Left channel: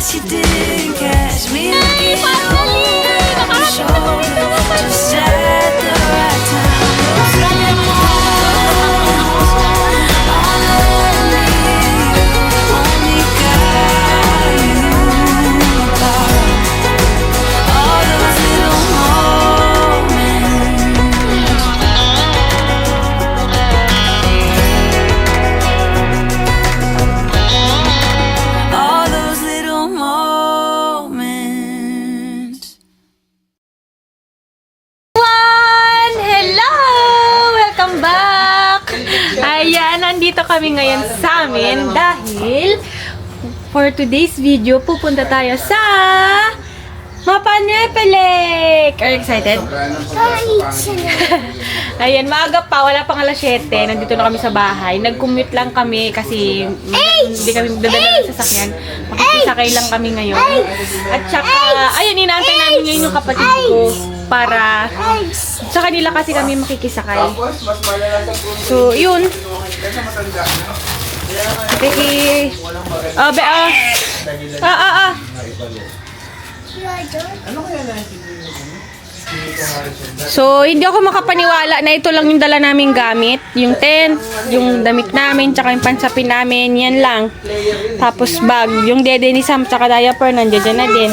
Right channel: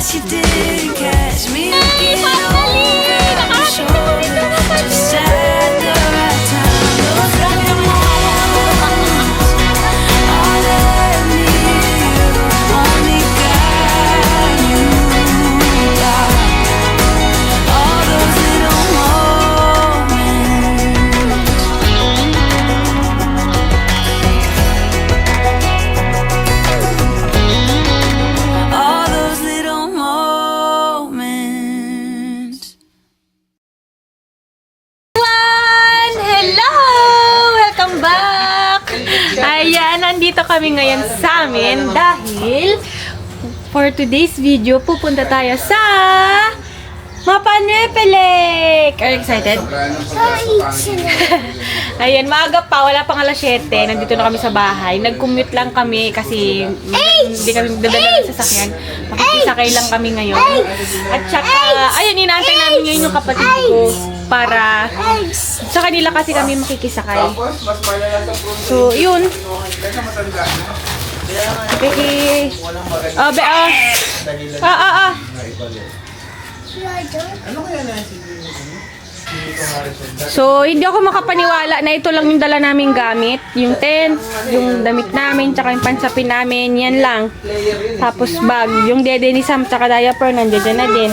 guess you didn't catch me looking over your shoulder. Just at the right time. Those little moments all let me you. Only God you about all those little moments. All those little moments. Hello! Welcome back! Ayan, nandito kami ngayon sa amin dahil for today's video, pupunta tayo sa Mapanepe Lake! Are you excited? Ayan, maaga pa, wala pang alas 7. Nandito na kami sa bahay. Nag-commute lang kami kasi hindi kami magdadala ng sasakyan. Makikisakay lang kami ngayon. At saka, ayun, inaantay namin ngayon yung kapatid ko para sa kanila kasi kami makikisakay. So, yun. Becky. So, hindi ako makapaniwala na ito lang yung dala naming gamit. Yung tent, yung damit namin, tsaka yung pansapin namin, yan lang. Tapos bag, yung dede ni Sam, tsaka diaper, nandiyan na din.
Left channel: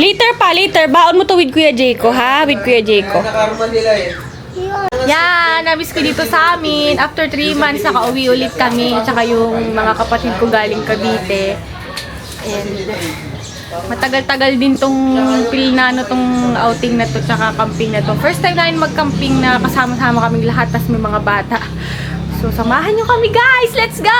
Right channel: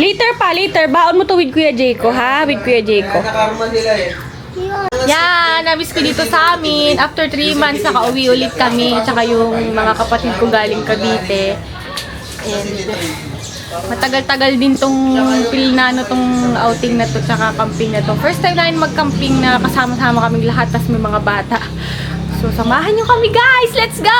Later, baon mo to with Kuya Jayco, ha? With Kuya Jayco. Yan, namiss ko dito sa amin. After 3 months, nakauwi ulit kami. Tsaka yung mga kapatid ko galing Cavite. And matagal-tagal din tong pilnano tong outing na to, tsaka camping na to. First time namin mag-camping na kasama-sama kaming lahat, tas may mga bata. So, samahan nyo kami guys! Let's go!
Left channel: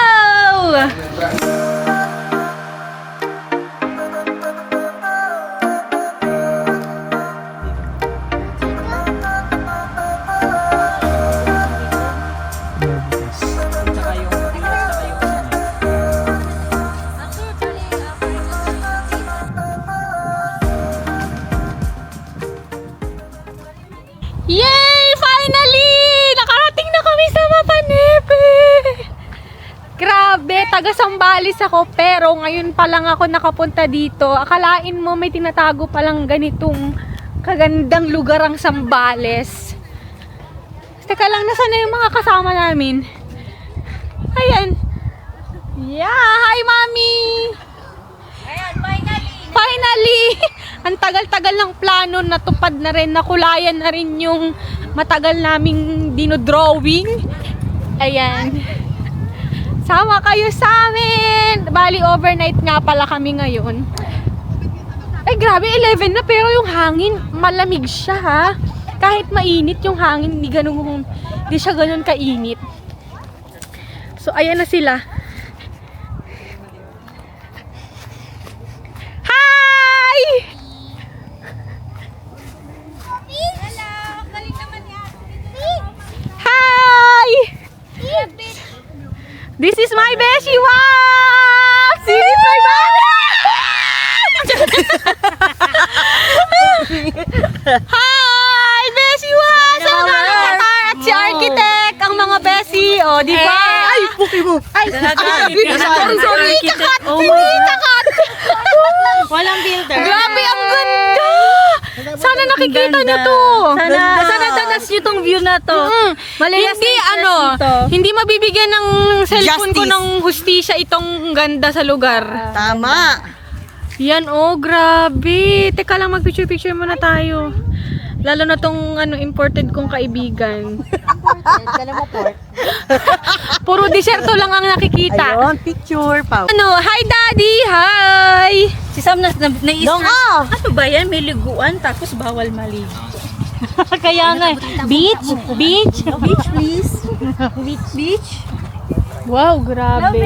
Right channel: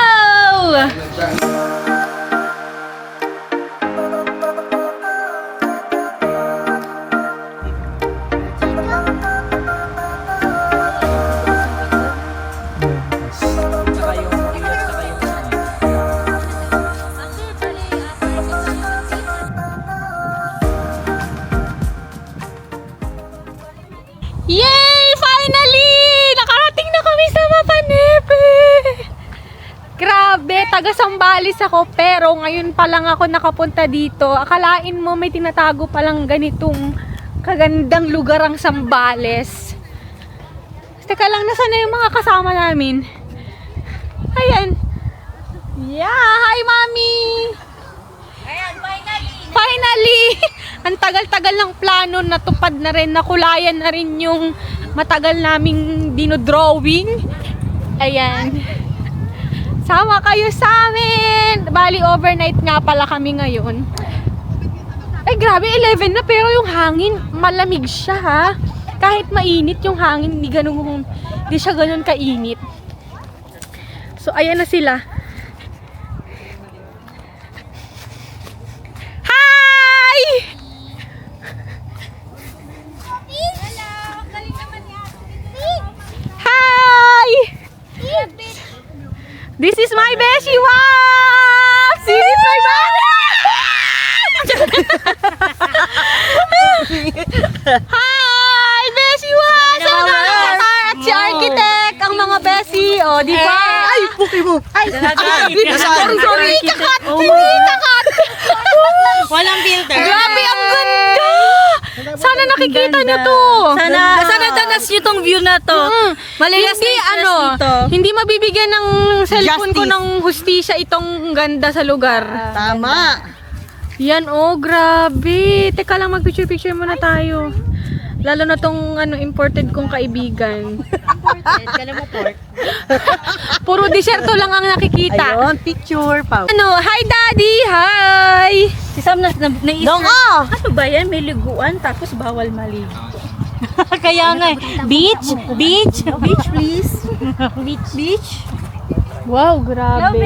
Yay! Finally! Nakarating na kami sa Mapanepe! Grabe, taga Sambales ako pero ngayon pa lang ako nakapunta dito. Akalain mo may tinatago palang ganitong kagandang lugar ang Sambales. Teka lang, nasaan na yung mga kasama namin? Ayan. Yeah! Hi, Mami! Ayan, finally! Finally! Ang tagal-tagal ng plano, natupad na rin, nakulayan na rin yung matagal naming dinodrawing. Ayan. Sama kayo sa amin! Bali, overnight nga pala kami ngayon. Ay, grabe, 11 na, pero yung hangin, malamig siya, ha? Kahit mainit yung hangin, hindi siya ganun kainit. So, ayan na sila. This is my beshi Wax! This is my Hi! Beshi Wax! Ang mga katar at si Architect! Ang mga beshi! O, di ba? Ay, puki mo! Ay, sorry! Kakat! Hindi kakat! Walang filter. Grabe, ang ganda! Sana nakikita nyo to! Sana danas nyo tong view na to. Hindi hindi mabibigyan ng cellphone ko ng hustisya itong ganda sa lugar. Tama. Yan, oh, grabe. Teka lang, mag-picture-picture muna tayo. Lalo na tong imported kong kaibigan. Puro disyerto lang ang nakikita. Ayun, picture pa. Hi Daddy! Hi! Si Sam na-isra. Ano ba yan? May liguan tapos bawal maligo. Kaya nga, beach, please. Beach. Wow, grabe.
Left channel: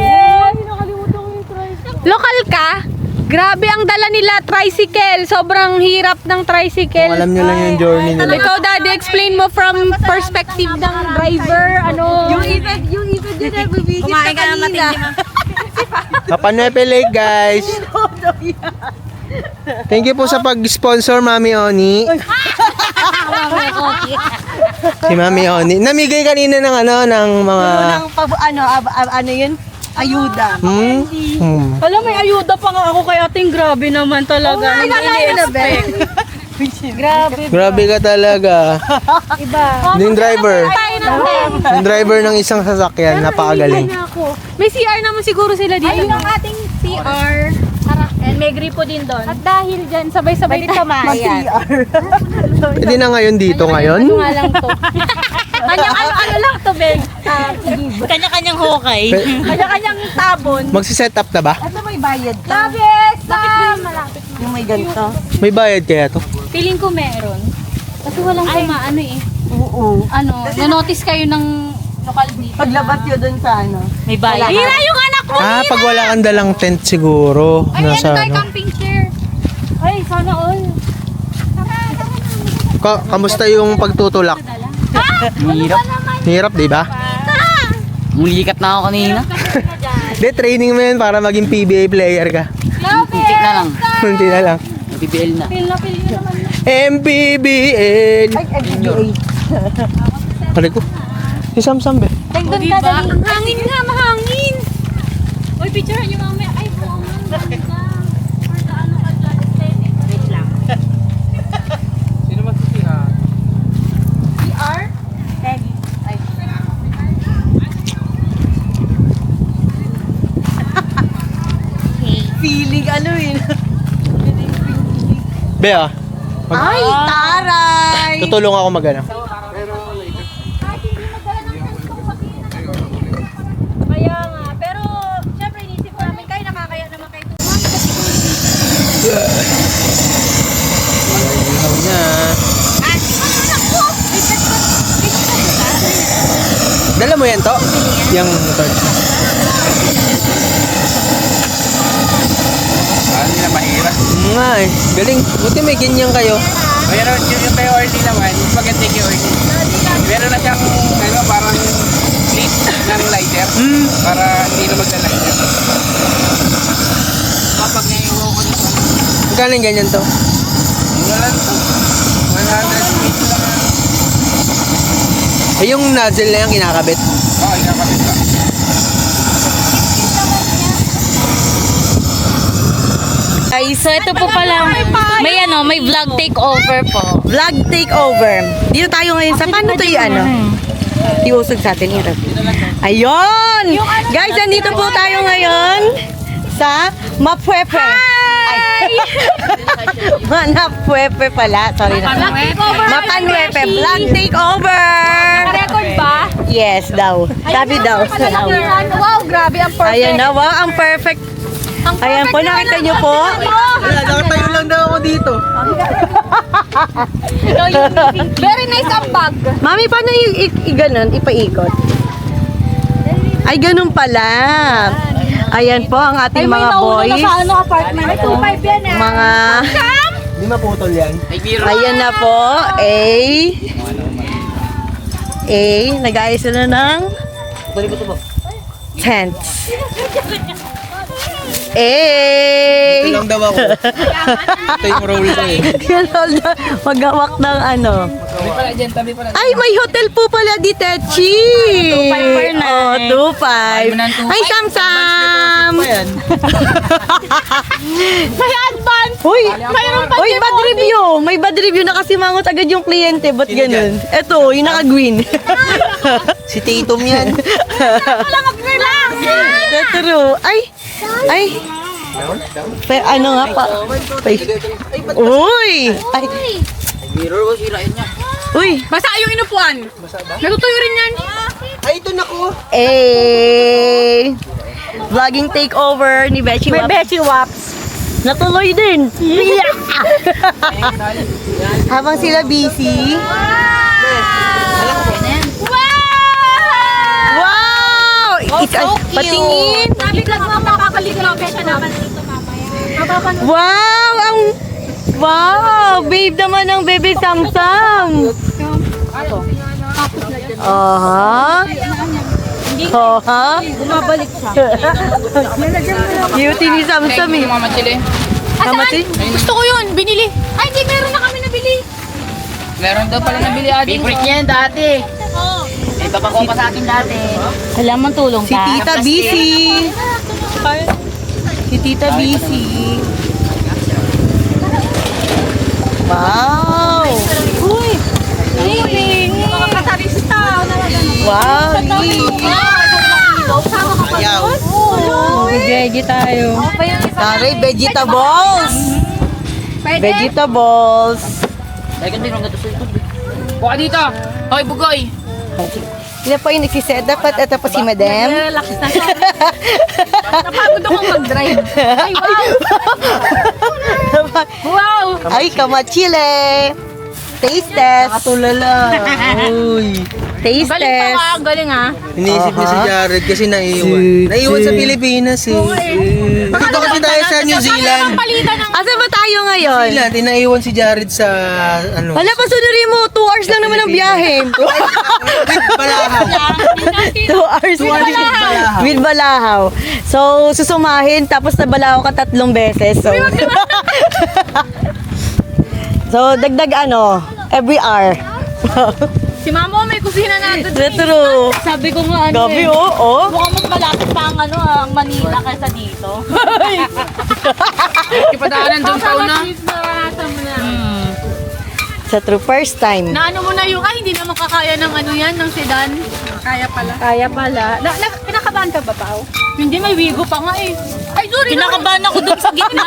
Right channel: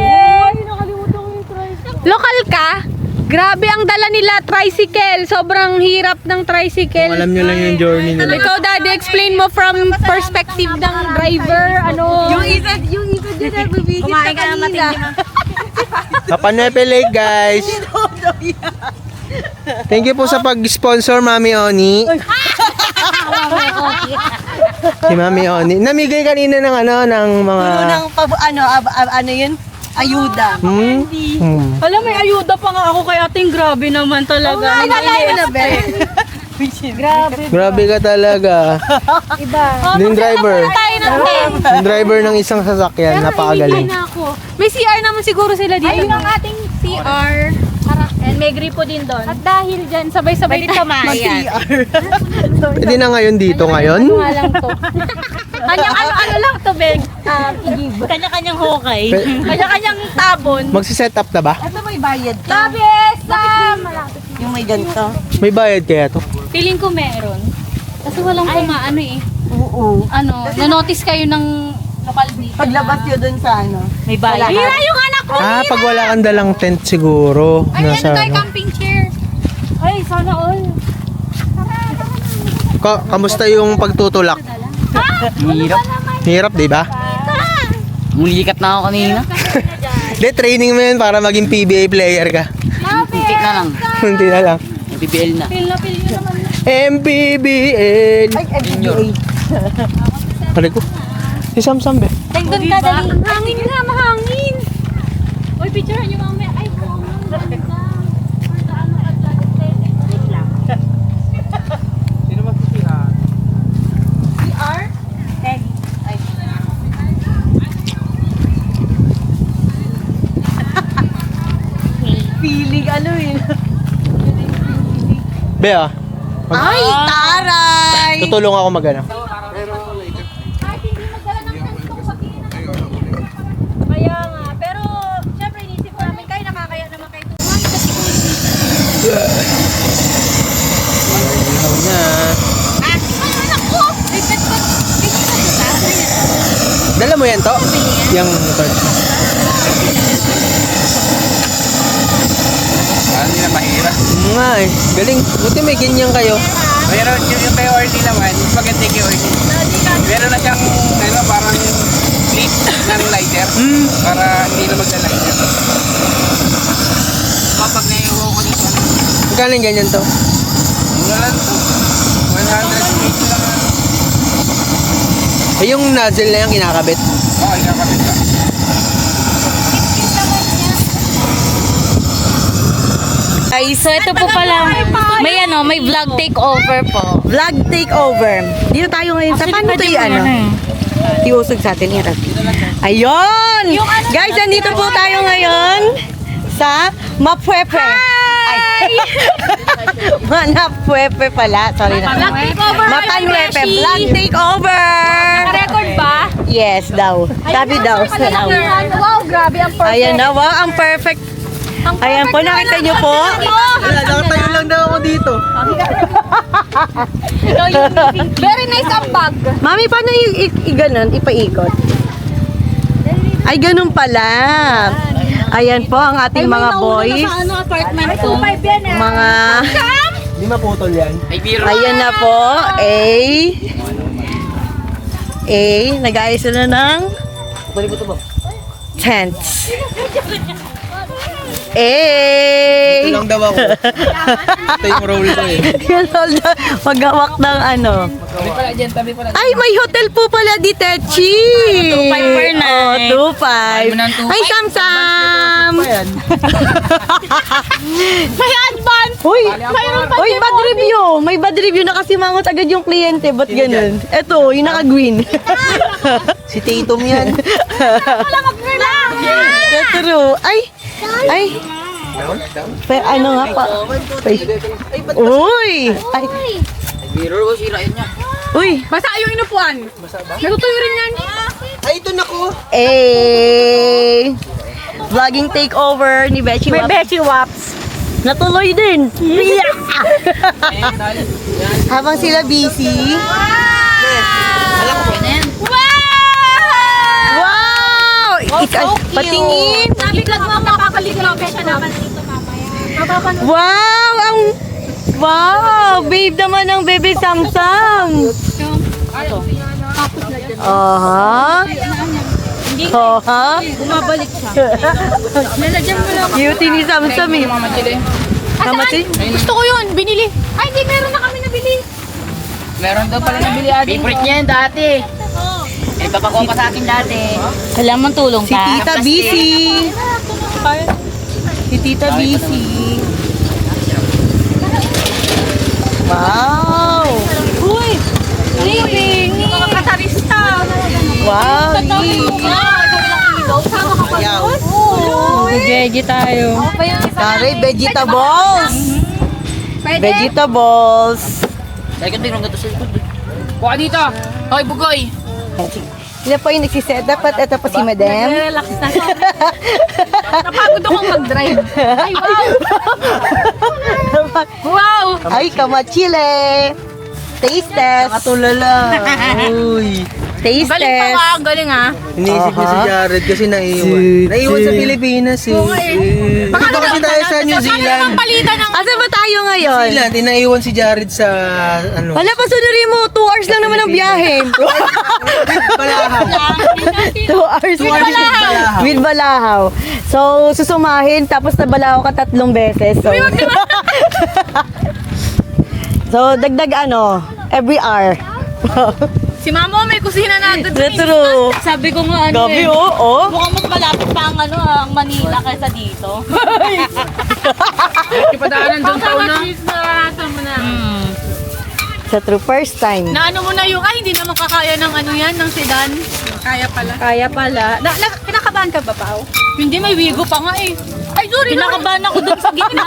Local ka? Grabe ang dala nila, tricycle. Sobrang hirap ng tricycle. Alam nyo lang yung journey nila. Ikaw, Daddy, explain mo from perspective ng driver, Yung iba din na bibigit ka kanina. Mapanepe Lake, guys. Thank you po sa pag-sponsor, Mami Oni. Si Mami Oni. Namigay kanina ng mga... Ano yun? Ayuda. Alam, may ayuda pa nga ako kay ating grabe naman talaga. Grabe ka talaga. Yung driver. Yung driver ng isang sasakyan, napakagaling. May CR naman siguro sila dito. Ayun ang ating CR. And may gripo din doon. At dahil dyan, sabay-sabay tayo Mag-CR. Pwede na ngayon dito ngayon? Ano nga lang to. Kanyang ano lang to, Beng. Kanya-kanyang hukay. Kanya-kanyang tabon. Magsiset up na ba? Ito may bayad ka. Bakit ba malapit? Yung may ganito. May bayad kaya to? Feeling ko meron. Kasi walang kumaano eh. Oo. Ano, na-notice kayo ng lokal dito. Paglabas yun dun sa ano. May bayad. Hira yung anak ko! Ah, pag wala kang dalang tent siguro. Ay, ano Nasa tayo, camping chair. Ay, sana all. Kamusta yung pagtutulak? Hirap. Hirap, di ba? Mulikat na ako kanina. De, training mo yan para maging PBA player ka. Kunti na lang. Hindi na lang. BBL na. Feel na naman. MPBL. Ay, FBA. Pare ko. Si Samsam be. Doon ka dali. Hangin na, mahangin. Uy, picturean niyo mamaya. Ay, mahangin. Feeling ano yun. Be ah. Ay, taray! Tutulong ako magana. Kaya nga, pero syempre inisip ko namin kayo nakakaya naman kayo. Ihaw na. Dala mo yan to? Yung torch. Parang hindi na mahirap. Nga eh. Galing. Buti may ganyan kayo. Pero yung kay Orly naman, maganda kay Orly. Meron na siyang parang plate ng lighter para hindi na magla-lighter. Kapag naiuwi ko nito, Magkano yung ganyan to? wala lang to. 100 lang. Eh yung nozzle na yan kinakabit. Oo, ikakabit ka. Ay, so ito po pala, may vlog takeover po. Vlog takeover. Dito tayo ngayon sa paano to yung ano? Iusog sa atin, Irap. Ayun! Guys, nandito po tayo ngayon sa Mapwepe. Ay! Manapwepe pala. Sorry na. Mapanwepe. Vlog takeover! Record ba? Yes, daw. Sabi daw. Wow, grabe ang Ayan na, wow, ang perfect. Ayan po, nakita niyo po. Wala, nakatayo lang daw ako dito. Very nice ang bag. Mami, paano i-ganon? Ipaikot? Ay, ganun pala. Ayan po ang ating mga boys. Apartment to. 2.5 yan eh. Mga... Hindi maputol yan. Ayan na po. Nag-ayos na ng tents. Ito lang daw ako. Ito yung role ko eh. Maghawak ng ano. Ay, may hotel po pala di Techi. Oh, 2.5. Ay, Sam-Sam. May advance. Uy, bad review. May bad review na kasi mangot agad yung kliyente. Ba't ganun? Eto, yung naka-green. Si Tatum yan. True. Ay. Ano nga pa? Uy. Ay. Uy. Basta yung inupuan. Natutuyo rin yan. Ay, ito na ko. Vlogging takeover ni Bechi Waps. May Bechi Waps. Natuloy din. Habang sila busy. Wow! Patingin. Sabi lang mo, makakaligaw siya naman dito mamaya. Wow! Wow! Babe naman ng baby Samsam. Aha. Aha. Bumabalik siya. Cutie ni Samsam eh. Kamachi? Gusto ko yun, binili. Ay, hindi, meron na kami nabili. Meron daw pala nabili ate. Favorite niya yan dati. Iba pa ko pa sa akin dati. Alam mo tulog Si Tita Busy. Si Tita Busy. Wow! Mga katarista. Wow! Veggie tayo. Taray, vegetables! Vegetables! Buka dito. Hoy, bugoy. Sila po yung nagsiset up at ito po si Madam. Relax na. Napagod akong mag-drive. Ay, wow! Wow! Ay, kamachile! Taste test! Nakatulala! Uy! Taste test! Ang galing ah. Iniisip niya si Jared kasi naiiwan. Naiiwan sa Pilipinas eh. Dito kasi tayo sa New Zealand. Asa ba tayo ngayon? Sila, tinaiwan si Jared sa ano. Hala, pasunurin mo! 2 hours lang naman ang biyahe! 2 hours with Balahaw. So, susumahin, tapos na Balahaw ka 3 beses. So, so dagdag ano, every hour. Si Mama may kusina natin. True. Sabi ko nga ano Gabi, oh. mukhang mas malapit pa ang ano, ang Manila kaysa dito. Ipadaanan doon sa una. Naranasan mo na. Sa true first time. Na ano mo na yung, ay hindi naman kakaya ng ano yan, ng sedan. Kaya pala. Kaya pala. Kinakabahan ka ba, Pao? Hindi, may wigo pa nga eh. Ay, sorry. Kinakabahan ako dun sa gitna.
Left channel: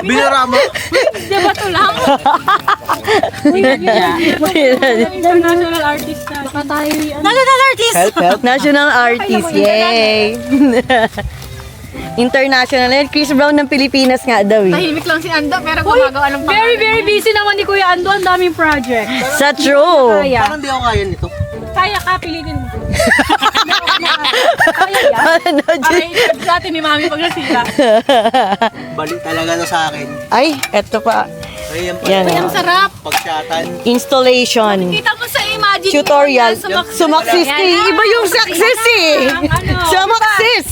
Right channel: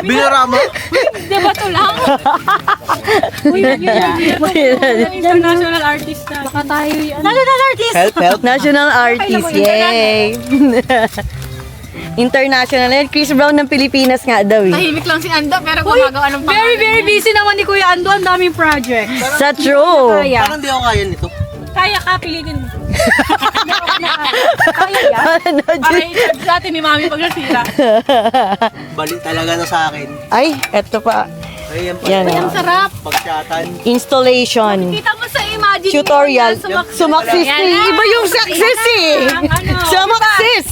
Binarama. Di ba ito lang? International artist na. Baka tayo National artist! Help. National artist, yay! International. And Chris Brown ng Pilipinas nga daw eh. Tahimik lang si Ando, pero gumagawa ng very, very busy naman ni Kuya Ando. Ang daming project. Sa true. Parang di ako kaya nito. Kaya ka, pilitin mo. Ano, Para i-charge natin ni Mami pag nasira. Balik talaga na sa akin. Ay, eto pa. Ay, Yan Ang oh. sarap. pagsyatan. Installation. Kita mo sa imagine. Tutorial. Sumaksis eh. Iba yung success eh. Sumaksis.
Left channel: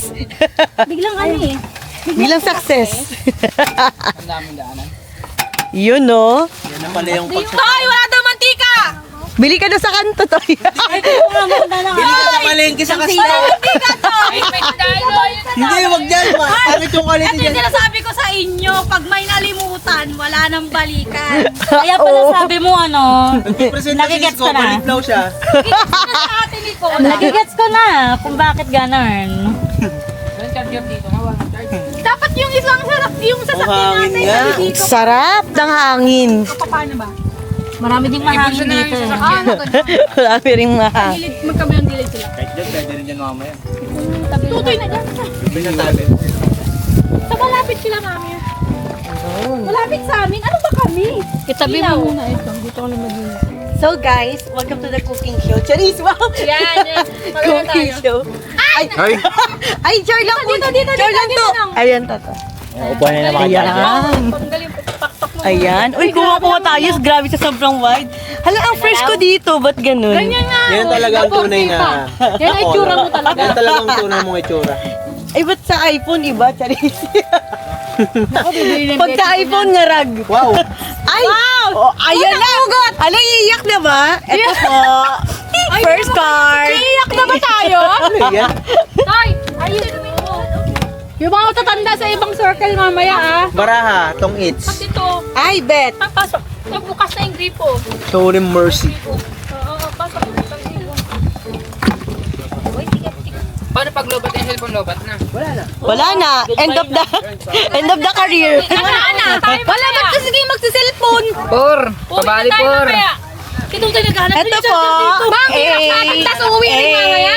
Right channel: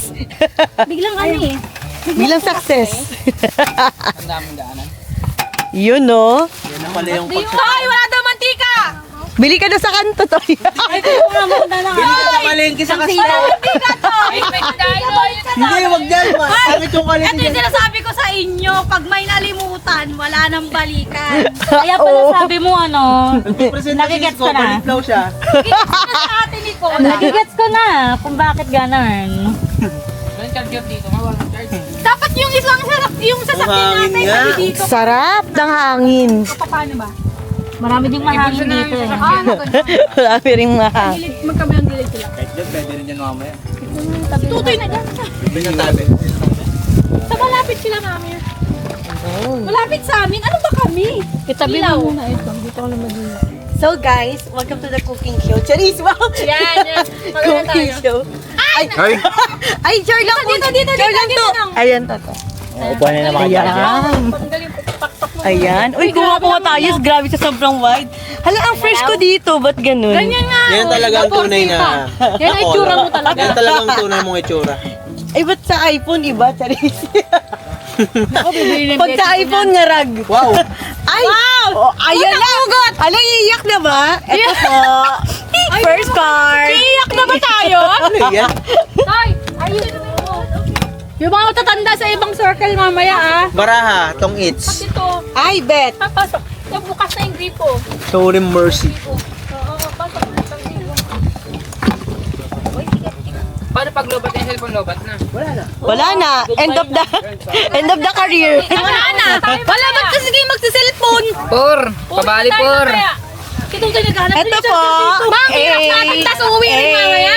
Biglang ano eh. Bilang success. Yun no. Yan na pala yung Hoy, wala daw mantika! Bili ka na sa kanto to. Bili ka sa palengke sa kasino. Hindi, wag dyan. Sakit yung quality Ito yung dyan. sinasabi ko sa inyo, pag may nalimutan, wala nang balikan. Kaya pala sabi mo ano, Nakigets ko na. Balitlaw siya. Sa ate ni ko. nagigets ko na kung bakit ganun. Dapat yung isang sarap, yung Ang sasakyan hangin natin. nga. Sarap ng hangin. Paano ba? Marami din marami dito. Marami ring mahang. Magkabilang gilid sila. Kahit dyan, pwede rin dyan mamaya. Tutoy na dyan. Binatabi. Sa malapit sila, Mami. Malapit sa amin. Ano ba kami? Kitabi Ilaw. mo muna ito. Dito kami mag-ina. So guys, welcome to the cooking show. Charis, wow! Yan, yan. Cooking show. Ay! Ay! Ay, char lang po. Char lang to. Ayan to. Upuan na naman. Ayan. Ayan. Uy, kuha tayo. Grabe sa sobrang wide. Hala, ang fresh ko dito. Ba't ganun? Ganyan nga. Yan talaga ang tunay na. Yan ay itsura mo talaga. Yan talaga ang tunay mong itsura. Ay, ba't sa iPhone iba? Charis. Pag sa iPhone nga rag. Wow! Ay! Oh, ayan na! Ala, iiyak na ba? Ito po. First card. Iiyak na ba tayo? Ano yan? Yung mga matatanda sa ibang circle mamaya ah. Baraha, tong its. Ito, Ay, bet. papasok. Bukas na yung gripo. Show him mercy. Pasok. Paano pag lobat yung cellphone lobat na? Wala na. Wala na. End of the career. Wala na. Wala ba't kasi kayo magsa-cellphone? Por! Pabali por! Kitong kayo naghahanap. Ito po. Ma'am, hirap natin. Tapos uuwi na rin mamaya.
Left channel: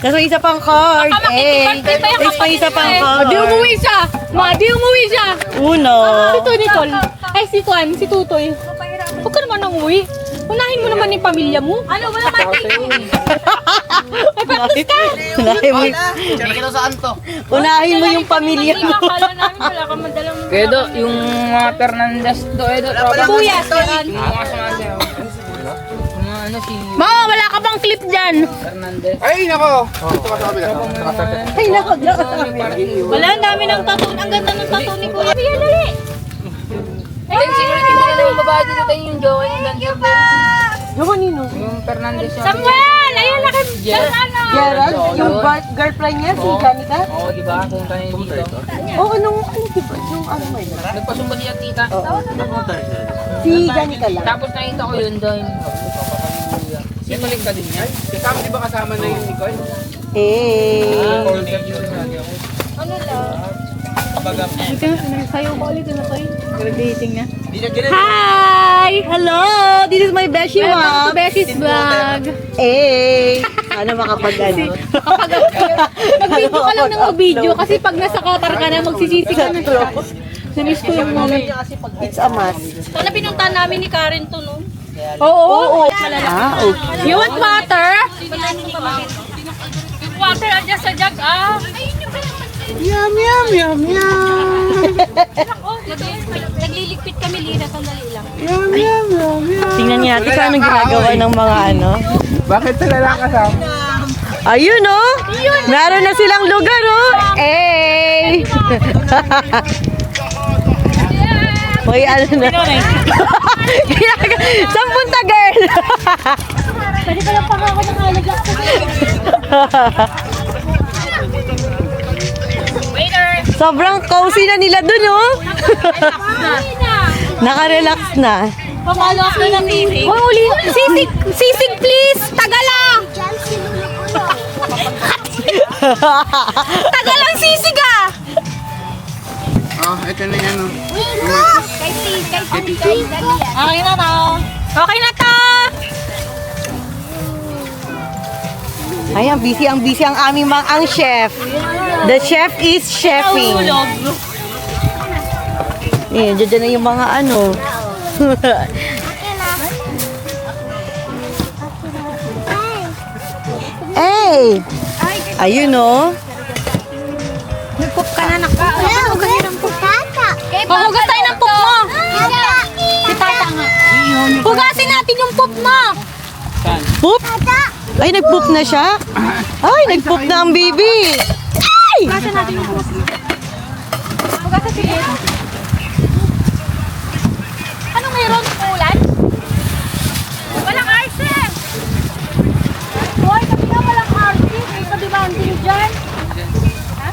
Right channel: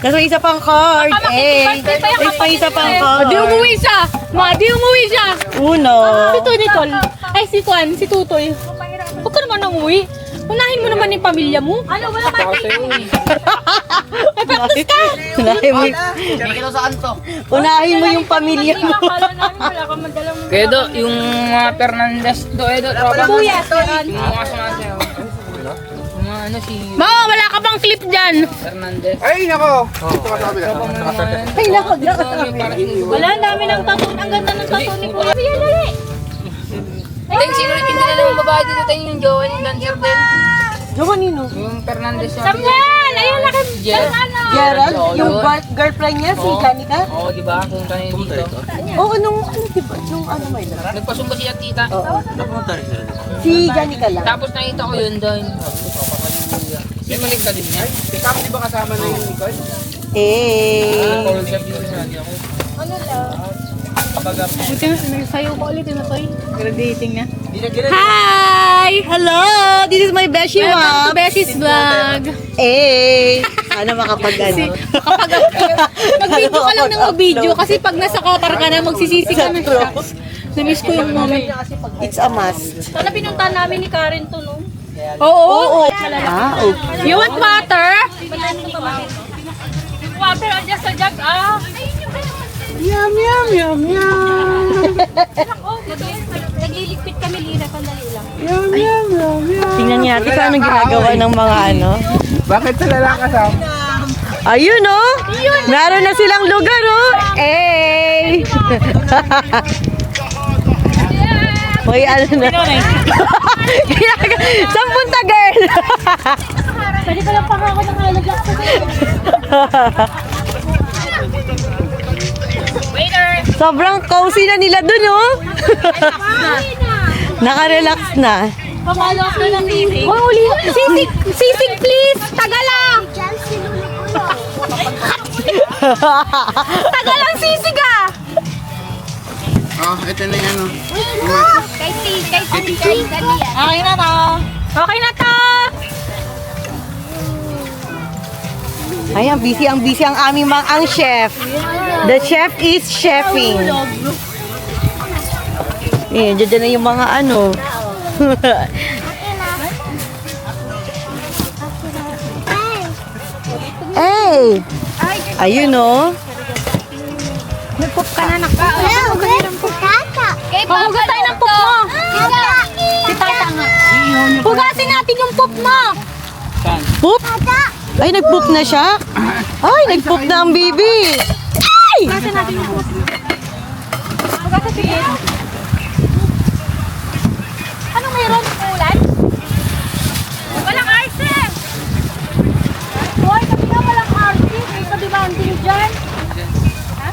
Tapos may isa pang card. Tapos may isa pang card. Di umuwi siya. Di umuwi siya. Uno. Si Tony Tol. Ay, si Tuan, si Tutoy. Huwag ka naman nang umuwi. Unahin mo naman yung pamilya mo. Ano, wala ba? Ay, patos ka. Unahin mo yung pamilya mo. Kaya do, yung mga Fernandez do, Edo, tropa. Kuya, Yung mga sumasayaw. Yung mga ano si... Mama, wala ka bang clip dyan? Ay, nako. Ito ka sa kabila. Ay, nako. Wala namin ang tattoo. Ang ganda ng tattoo ni Kuya. Yan, dali. Ay, sino hindi na lang yung babae dito tayo yung Joey ng dancer din? Samuel! Ayun, laki. Ano? Gerald, yung girlfriend niya, si Janica. Oo, di ba? Kung tayo dito. Oo, nung ano ba yun? Nagpasumba siya tita. Si Janica lang. Tapos nakita ko yun doon. Simulik ka din. Ay, kasama di ba kasama na yung Nicole? Eh. Hi! Hello! This is my Beshi Mom. Bessy's vlog. Eh. Sana makapag-ano. Mag-video ka lang ng mag-video kasi pag nasa Qatar ka na magsisisi ka na. Namiss ko yung moment. It's a must. Wala pinuntahan namin ni Karen to, no? Oo. Ah, okay. You want water? Yung water andyan sa jug, ah. Yum, yum, yum, yum. Nagliligpit kami, Lina, sandali lang. Tingnan niyo natin kung anong ginagawa ng mga ano. Bakit sila lang kasama? Ayun, oh! Meron na silang lugar, oh! Eh! Hoy, ano na? Saan punta, girl? Pwede pa lang paka ako ng halagak sa Sobrang cozy na nila dun, oh! Naka-relax na. Pamalo ako ng sisig. Uli, sisig please! Taga lang! Taga lang sisig ah! Ah, ito na yung ano. Okay na to! Okay na to! Ay, ang busy ang aming ang chef. The chef is chefing. Eh, dyan na yung mga ano. Hey! Ayun, oh. Nagpup ka na nakita. Pahugas tayo ng pup mo! Si Tata nga. Hugasin natin yung pup mo! Poop? Ay, nagpoop na siya? Ay, nagpoop na ang baby. Ay! Hugasin natin yung pup. Hugasin sige. Ano mayroon? Ulan? Walang arse! Hoy, sabi nga walang arse. May sabi ba ang din dyan? Ha?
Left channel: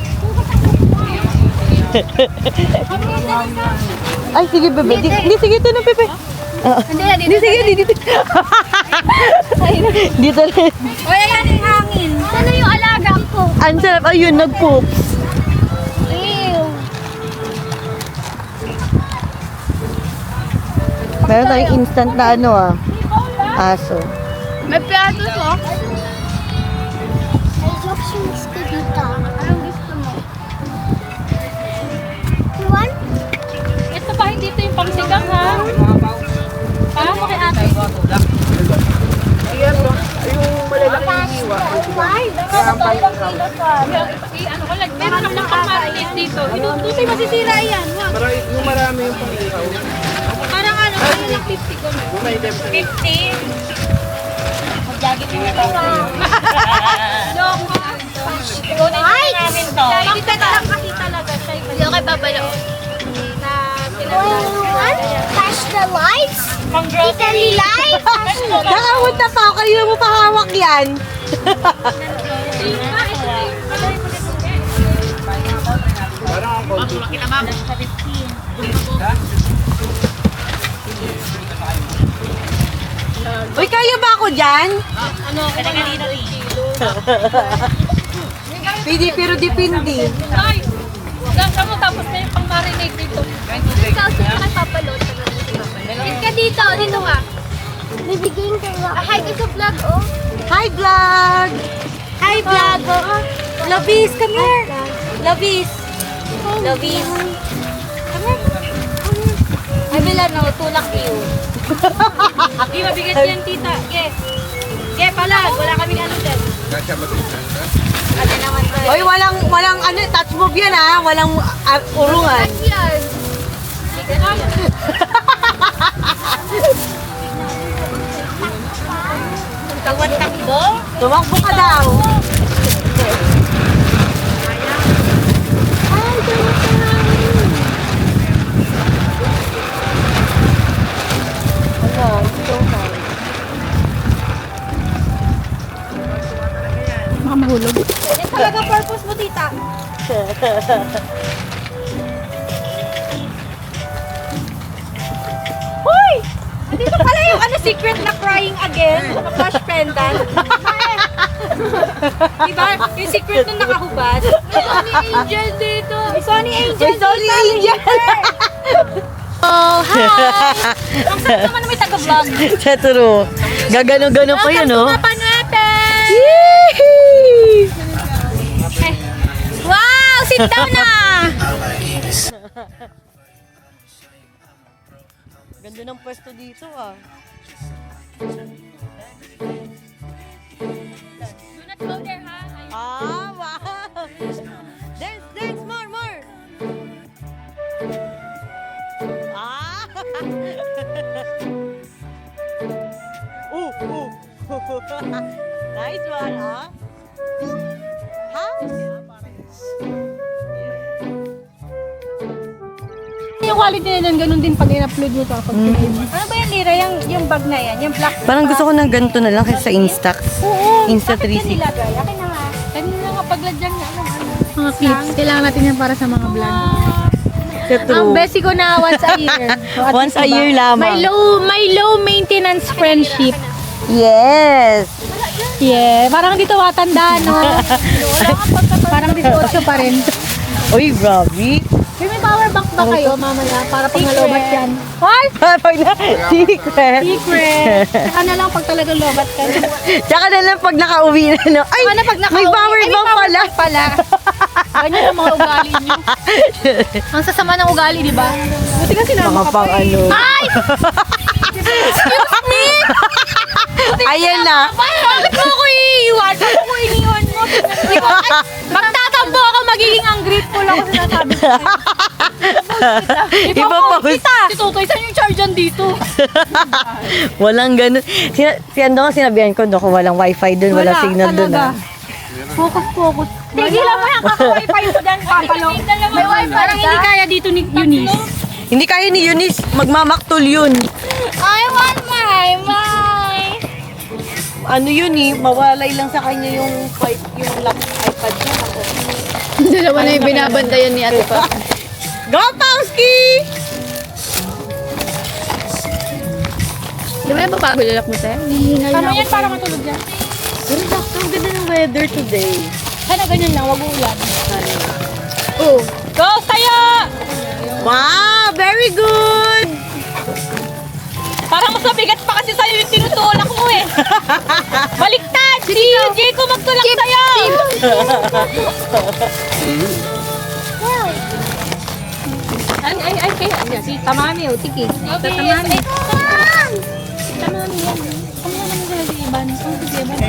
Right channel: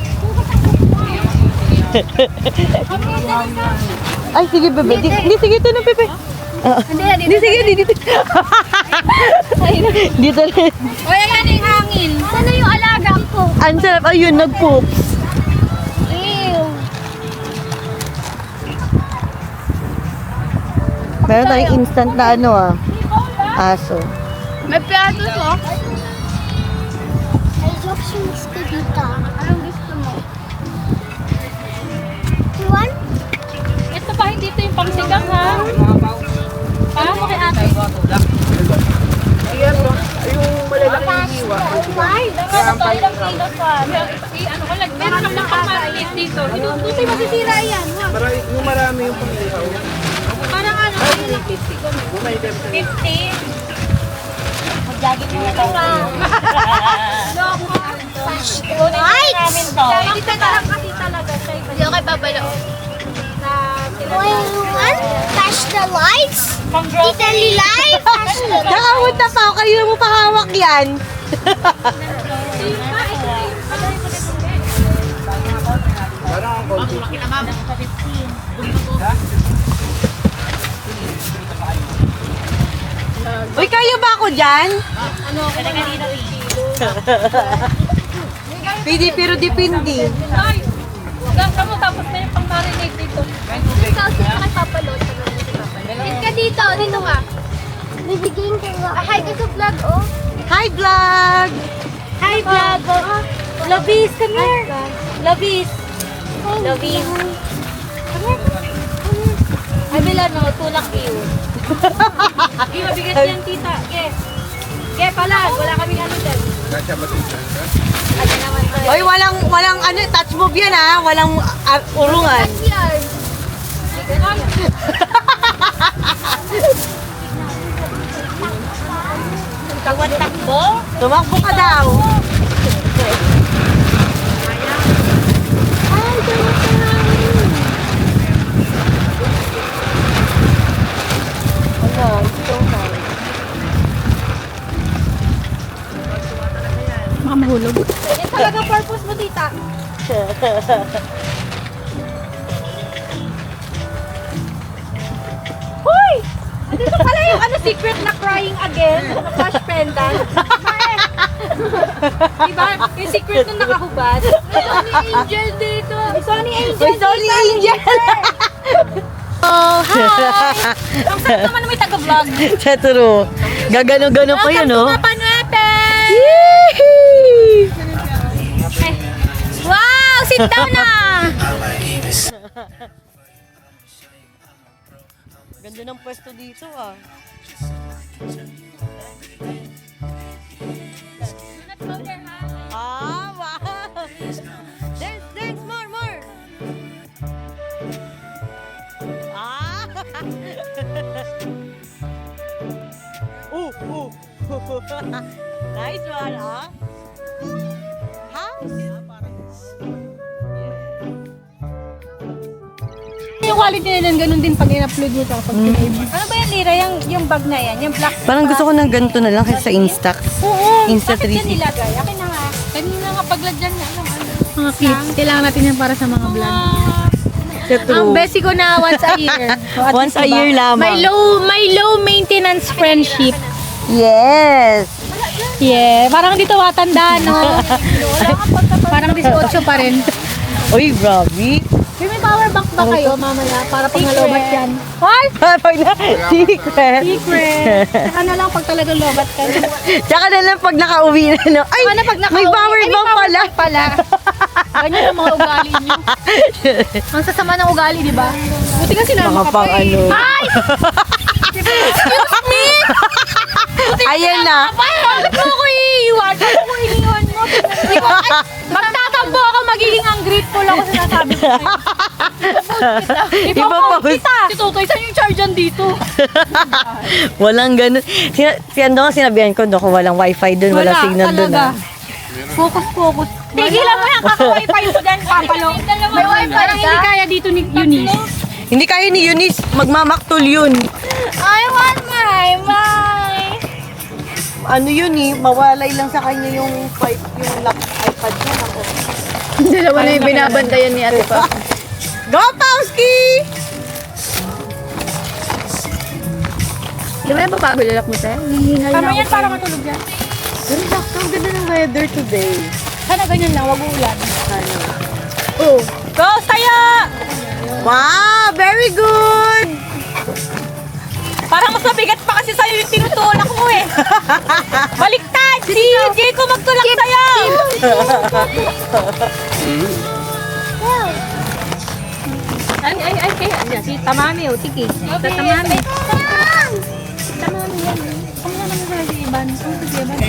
Ay, sige, bebe. Di, sige, ito na, Pepe. Di, sige, dito. Dito na. Hoy, ayan yung hangin. Sana yung alaga ko? Ang sarap. Ayun, nagpoops. Ew. Meron tayong instant na ano, aso. May plato to. Anong gusto mo? Ito pa, hindi ito yung pangsigang, ha? Ha? Okay, ate. Ayan, no? Yung malalaking hiwa. Ilang kilos pa. Ano ko lang, meron lang pang-marinate dito. Hindi masisira yan. Yung marami yung pang-lihaw. Parang ano, ano lang 50 ko. 50? Mag-jacket mo ito. Loko. Right! Hindi ka lang kasi talaga. Hindi ako kay babalo. Flash the lights? Italy light? Nakamunta pa ako. Kayo mo pakawak yan. Uy, kayo ba ako dyan? Ano ako lang dito yung kilo. Pidi, pero dipindi. Ay! Gasa mo tapos na yung pang-marinate dito. Ikaw sino ka papalot? Sit ka dito, dito ka. Bibigyan ko nga. Hi, ito vlog, oh. Hi, vlog! Hi, vlog, oh. Labis, come here. Labis. Labis. Ay, bila no, tunak niyo. Ge, mabigat yan, tita. Ge. Ge, palag. Wala kaming ano dyan. Uy, walang ano, touch move yan ha. Walang urungan. Yan. Tumakbo ka daw. Talagang purpose mo, tita. Hoy! Hindi ba pala yung secret na crying again? Flash pendant. Diba? Yung secret na nakahubad. May Sonny Angel dito. May Sonny Angel. May Sonny Angel. Oh, hi! Ang sarap naman na may taga-vlog. Sa true. Gagano-gano pa yun, no? Panuete! Yee! Wow! Sit down na! Ganda ng pwesto dito, ah. Ah, wow! Dance, dance, more! Ah! Nice one, ah. Yung quality na yan, ganun din pag in-upload mo tapos Ano ba yan, Lira? Yung bag na yan? Yung black Parang gusto ko ng ganito na lang kaysa sa Instax. Insta 360. Mga clips. Kailangan natin yan para sa mga vlog. Sa Ang true. best ko na once a year. So, at Once least, a year lamang. May low maintenance friendship. Yes! Yeah, parang dito matanda, no? Parang 18 pa rin. Uy, grabe. May power bank ba kayo mamaya para pag nalobat yan? What? Pag na, secret. Secret. Saka na lang pag talagang lobat ka. Tsaka na lang pag nakauwi na, no? Ay, Saka na pag may power bank pala. pala. Ganyan ang mga ugali niyo. Ang sasama ng ugali, di ba? Buti ka sinama Baka ka pang pa eh. ano. Ay! Ayan na. Bakit mo ko iiwan? Bakit mo iiwan mo? Magtatampo ako magiging ungrateful ako sinasabi ko. Ipapost. Si Totoy, saan yung charge dito? Walang ganun. Si Ando nga sinabihan ko, no, kung walang wifi dun, walang signal dun, ah. Focus. Tigilan mo yung kaka-wifi ko dyan. May wifi. Parang hindi kaya dito ni Eunice. Hindi kaya ni Eunice, magmamaktol yun. I want my. Ano yun eh, mawalay lang sa kanya yung iPad niya. Ako. Dalawa na yung binabandayan ni Ate Pa. Go, Pawski! Di ba yung babago lalak mo tayo? Tama yan para matulog yan. Pero sakto, ang ganda ng weather today. Sana ganyan lang, wag uulan. Oh. Go, tayo! Wow, very good! Parang mas mabigat pa kasi sa'yo yung tinutulak mo eh. Baliktad! Si Jayco magtulak sa'yo! Ay, kaya. Si Tamami, o, tiki. Sa Tamami. Tamami yan. Ang nga naman sa si Iban. Ang si Iban.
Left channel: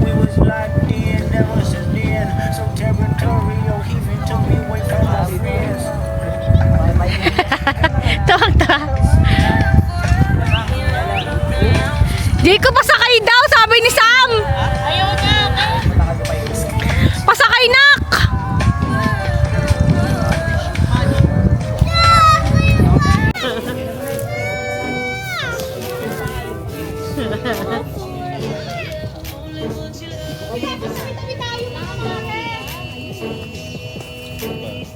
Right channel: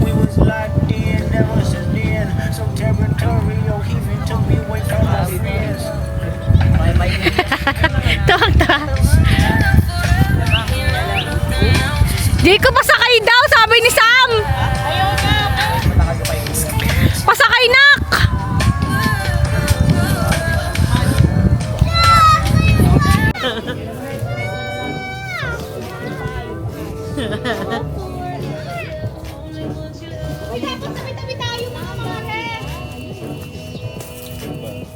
We was locked in ever since then. So territorial, even took me away from my friends. Tawag-tawag. Jayco, pasakay daw, sabi ni Sam. Ayaw na ako. Pasakay, nak. Dapat tabi-tabi tayo mga mare.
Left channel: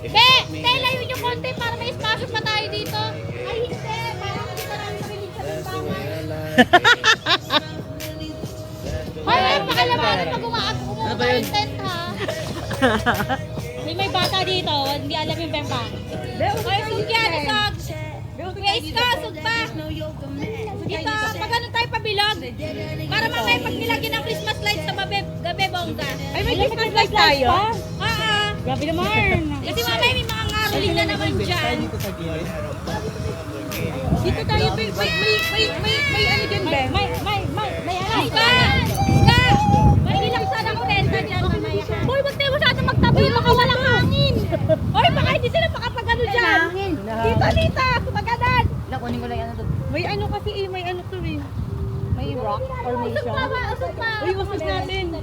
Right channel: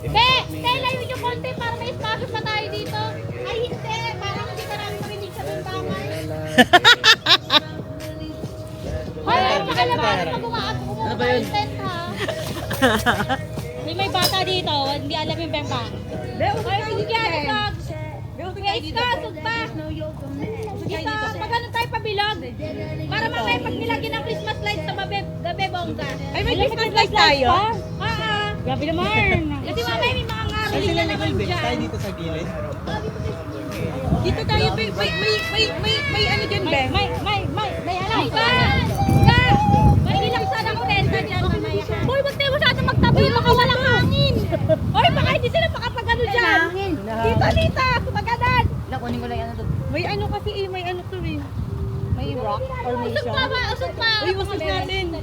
Kaya layo yung konti para may espasyo pa tayo dito. Ay hindi, parang hindi ka namin marinig sa bintangay. Ano ba yun? May bata dito, hindi alam yung bempa. Magano tayo pabilog? Para makapagbilagin ang Christmas lights sa gabi bongga. Ay, may Christmas lights tayo? Ah, Gabi naman. kasi mamaya may mga ngari. Tayo dito sa gilid. Dito tayo, may ano dyan, Ben? May alam. May ilang sana ko renta dyan mamaya. Hoy, wag tayo masyadong magtabi, baka walang hangin. Hoy, baka hindi sila makapagano dyan. Dito, magandad. May ano kasi may ano to eh. May may rock formation. Usog pa! Uy, usog natin.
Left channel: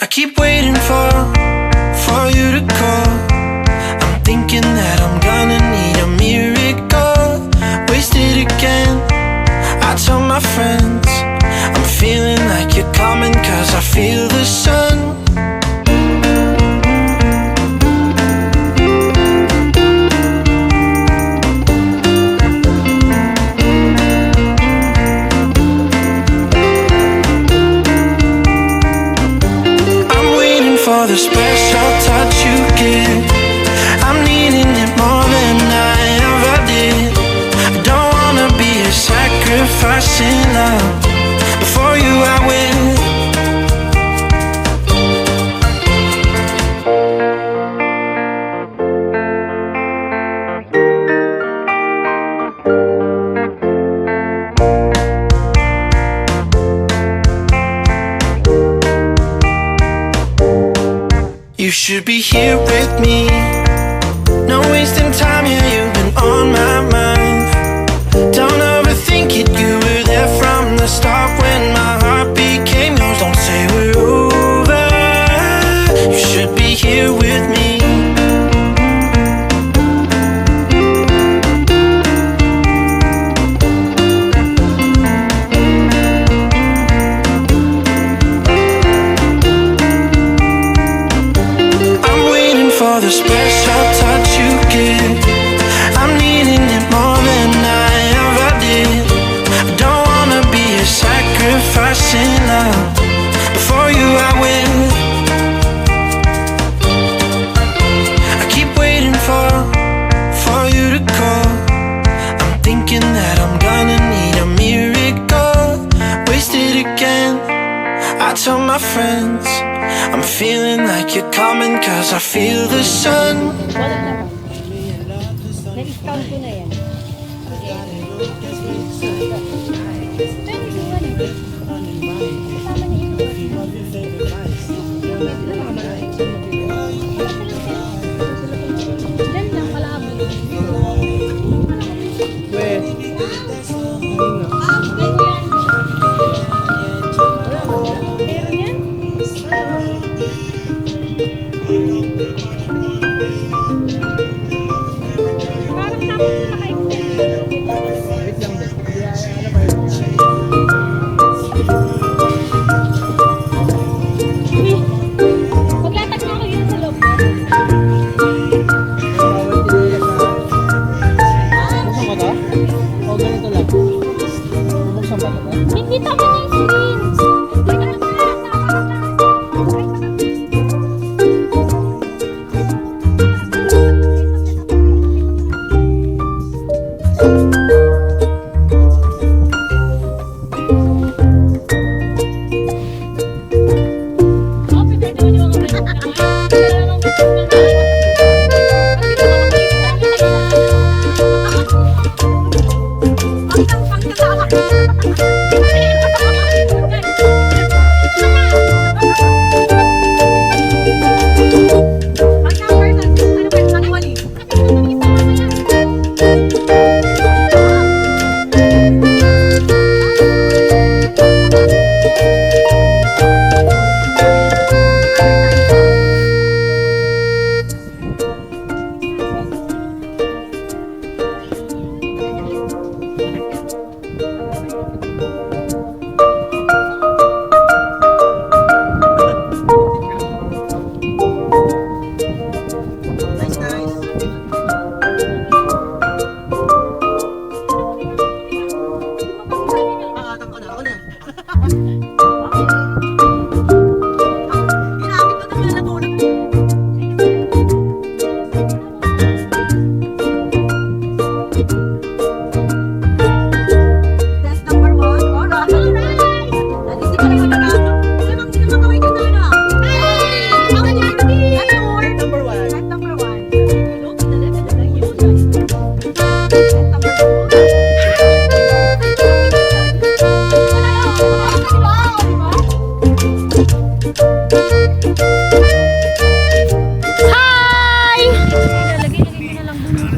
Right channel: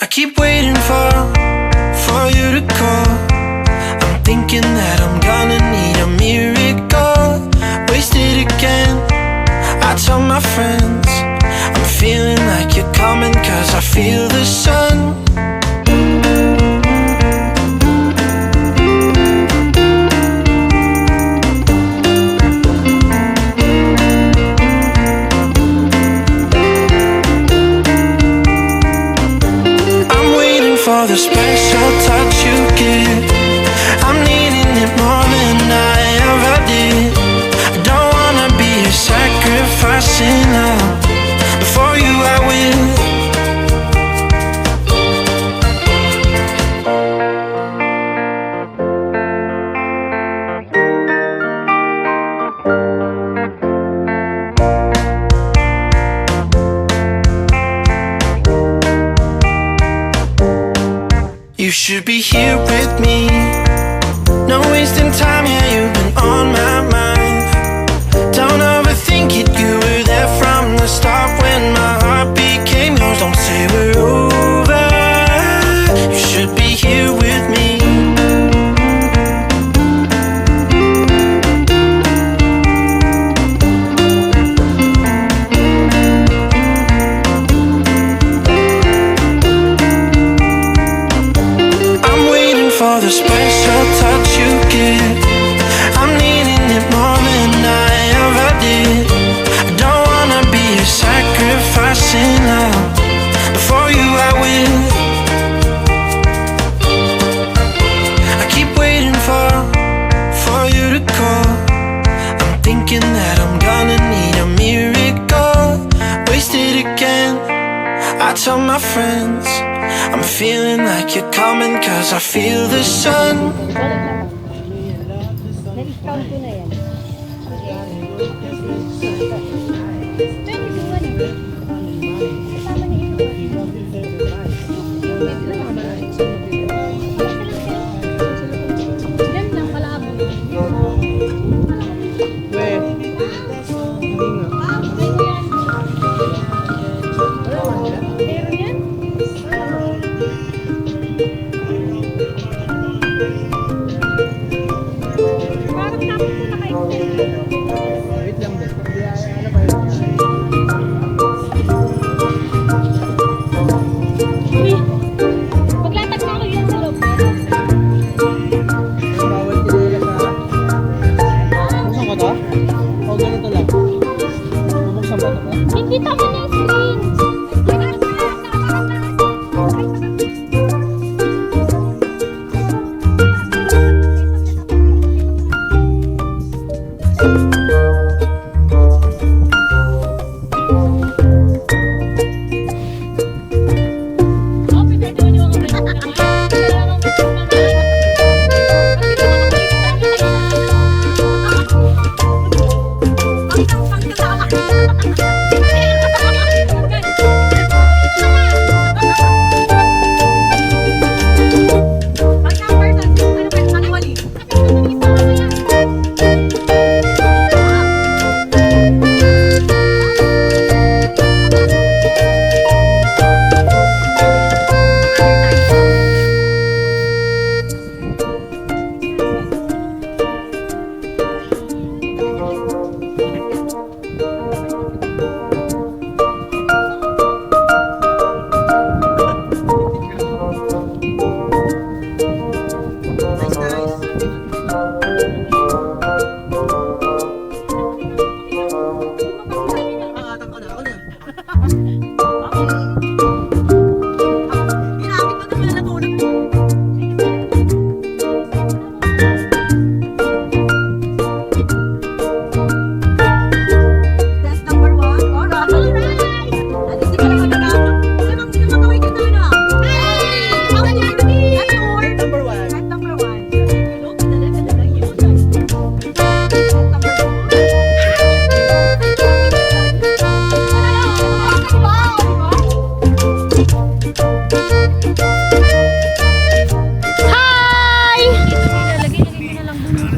I keep waiting for you to call. I'm thinking that I'm gonna need a miracle. Wasted again. I tell my friends I'm feeling like you're coming, 'cause I feel the sun. For the special touch you give, I'm needing it more than I ever did. I don't wanna be a sacrificing love. Before you I will. You should be here with me. No wasting time, yeah, you've been on my mind. Don't overthink it, you were there from the start when my heart became yours. Don't say we're over. You should be here with me. For the special touch you give, I'm needing it more than I ever did. I don't wanna be a sacrificing love. Before you I will. I keep waiting for you to call. I'm thinking that I'm gonna need a miracle. Wasted again. I tell my friends I'm feeling like you're coming, 'cause I feel the sun. Hindi tama na yung screen.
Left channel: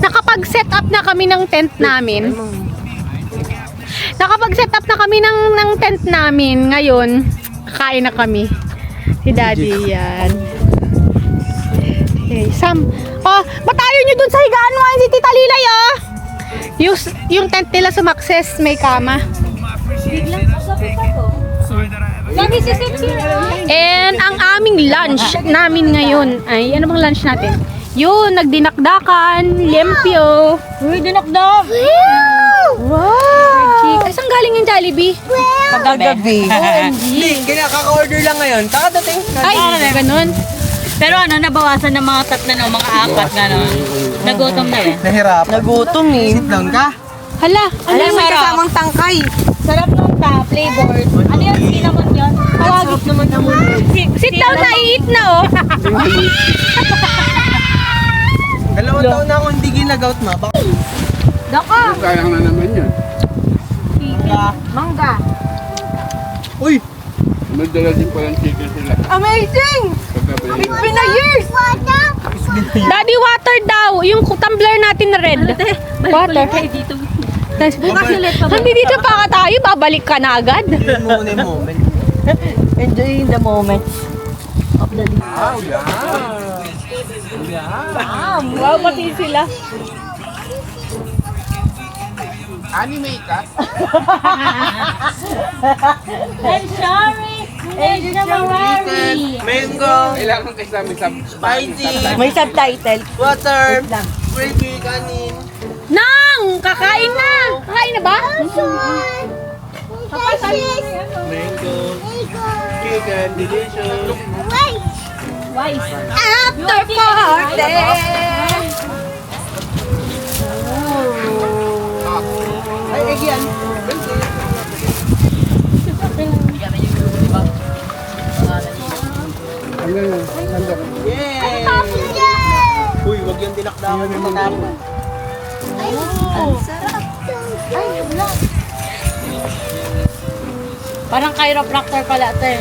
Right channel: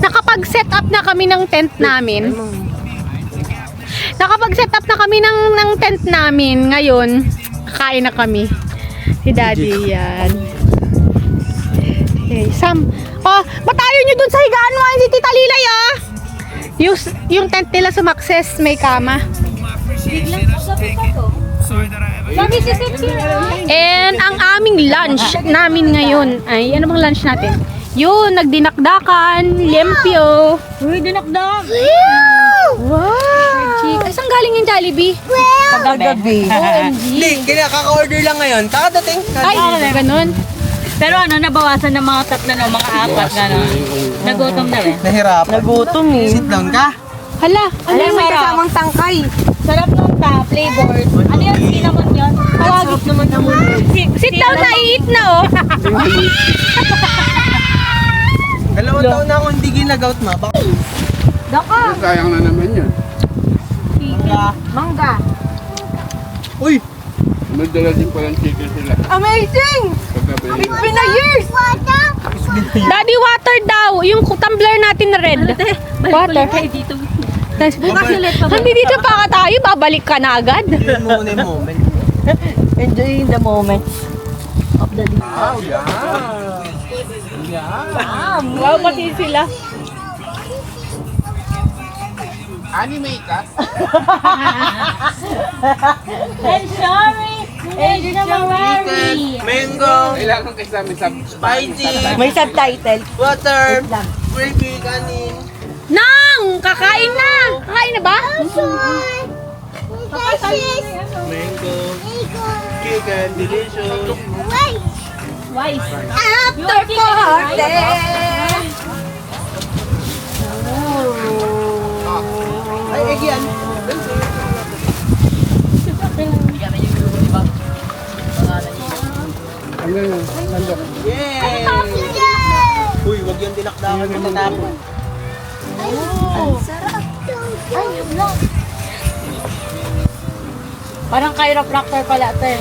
Nakapag-set up na kami ng tent namin. Nakapag-set up na kami ng tent namin. Ngayon, kakain na kami. Si Daddy, yan. Okay, Sam. Oh, batayo nyo dun sa higaan mo, si Tita Lilay, oh. Yung tent nila sumakses, may kama. And ang aming lunch namin ngayon ay, ano bang lunch natin? Yun, nagdinakdakan, limpyo. Uy, dinakdak! Wow! Ay, saan galing yung Jollibee? Kagabi. Hindi, kaka-order lang ngayon. Kakadating. Ay, ganun. Pero ano, nabawasan ng mga tatlo na, mga apat na no. Nagutom na eh. Nahirap. Nagutom eh. Sit down ka. Hala, Ano yung may kasamang tangkay? Sarap nung flavor. Ano yung cinnamon yun? Sarap naman naman. sit down na, eat na, oh. 2 taon na ako hindi ginagout ma. Sayang na naman yun. Mangga. Uy! Madala din palang chicken sila. Amazing! Pagkabayin. It's been a years! Daddy, water daw. Yung tumbler natin na red. Water. Tas, hindi dito pa ka tayo, babalik ka na agad. Enjoy mo muna yung moment. Enjoying the moment. Wow, yeah. Wow, pati sila. Anime ka? I'm sorry! Mango, Kailangan kayo sa amin sa spicy, May subtitle. water, gravy, kanin. Nang! Kakain na! Kakain na ba? Mango, chicken, delicious. After party! Ay, egg yan. Ano yun? Sandok. Yay! Uy, wag yung dinakdakan na matapon. Parang chiropractor pala ito eh.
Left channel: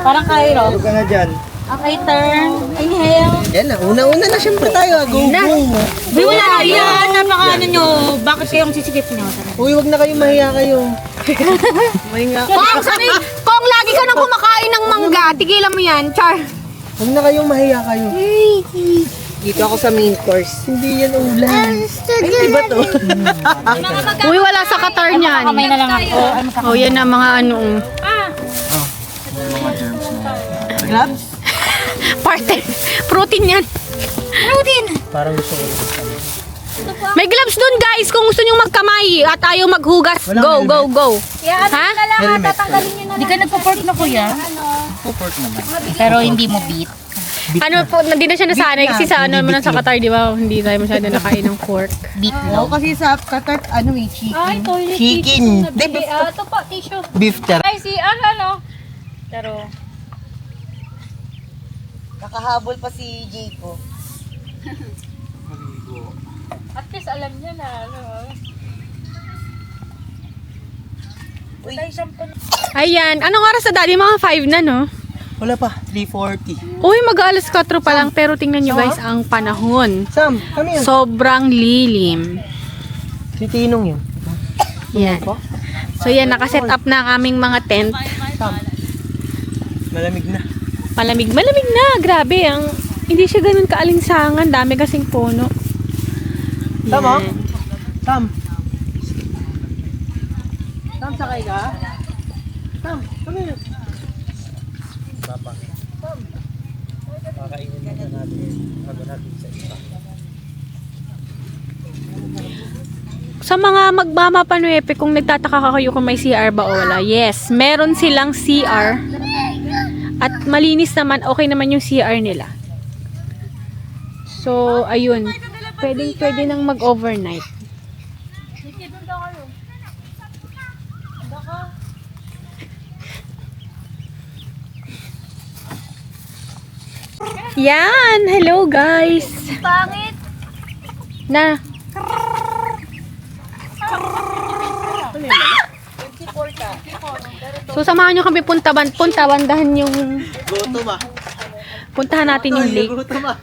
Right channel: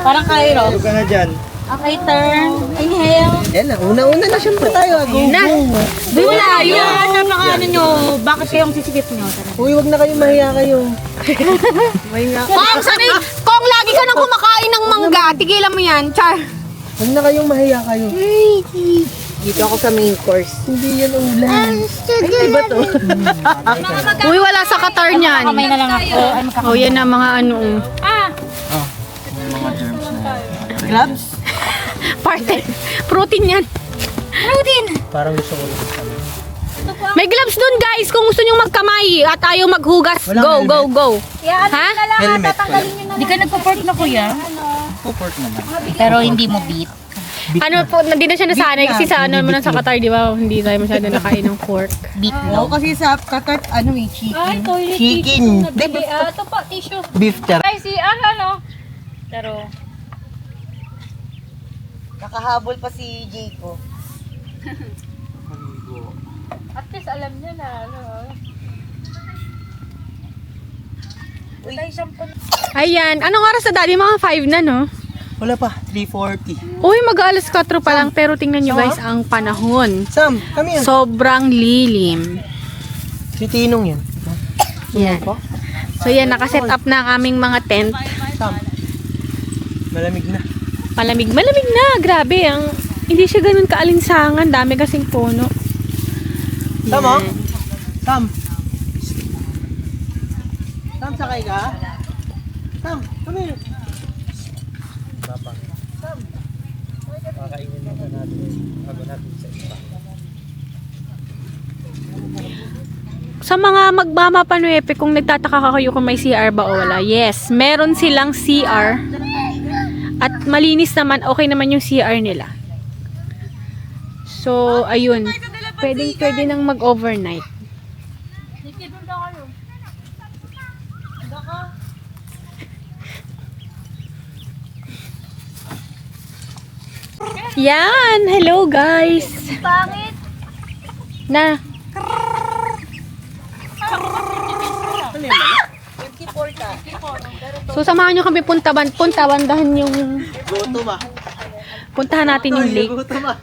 Parang chiro. Ano ka na dyan? Okay, turn. Inhale. Yan na, una-una na siyempre tayo. Na! Wala, yun. Napakaano nyo. Bakit kayong sisikip nyo? Uy, wag na kayo mahiya kayo. Kung lagi ka nang kumakain ng mangga, tigilan mo yan, Char. Wag na kayong mahiya kayo. Dito ako sa main course. Hindi yan ulam. Iba to. Uy, wala sa Qatar niyan. Kamay na lang ako. Oh, yan na mga ano. Gloves? Parte. Protein yan. Protein. Parang gusto ko. May gloves dun, guys, kung gusto nyo magkamay at ayaw maghugas. Walang Go, helmet. go, go. Ha? Helmet. Di ka nagpo-pork na kuya? Pork naman. Pero hindi mo beat. Ano po, hindi na siya nasanay kasi sa ano mo na sa Qatar, di ba? Hindi tayo masyado nakain ng pork. Beat Oo, no. kasi sa Qatar, ano eh, chicken. Chicken. Ito po, tissue. Beef ter. Ay, si ano? Pero, Nakahabol pa si Jay ko. At least alam niya na, ano. Ayan, anong oras na daddy? Mga 5 na, no? Wala pa, 3:40. Uy, mag-alas 4 pa lang, pero tingnan nyo guys, ang panahon. Sam, kami yan. Sobrang lilim. Si Tinong yan. Yan. So yan, nakaset up na ang aming mga tent. Sam. Malamig na. Malamig na. Grabe, hindi siya ganun kaalinsangan. Dami kasing puno. Tama? Yan. Sam. Sam, sakay ka? Sam, kami. Papa. Sam. Kakainin muna natin. Bago natin sa iba. Sa mga magmamapanuepe, kung nagtataka kayo kung may CR ba o wala, yes, meron silang CR. At malinis naman, okay naman yung CR nila. So, ayun. Pwede nang mag-overnight. Yan! Hello, guys! Pangit. Na. So samahan nyo kami puntahan yung Gutom ah. puntahan natin yung lake. Gutom ah.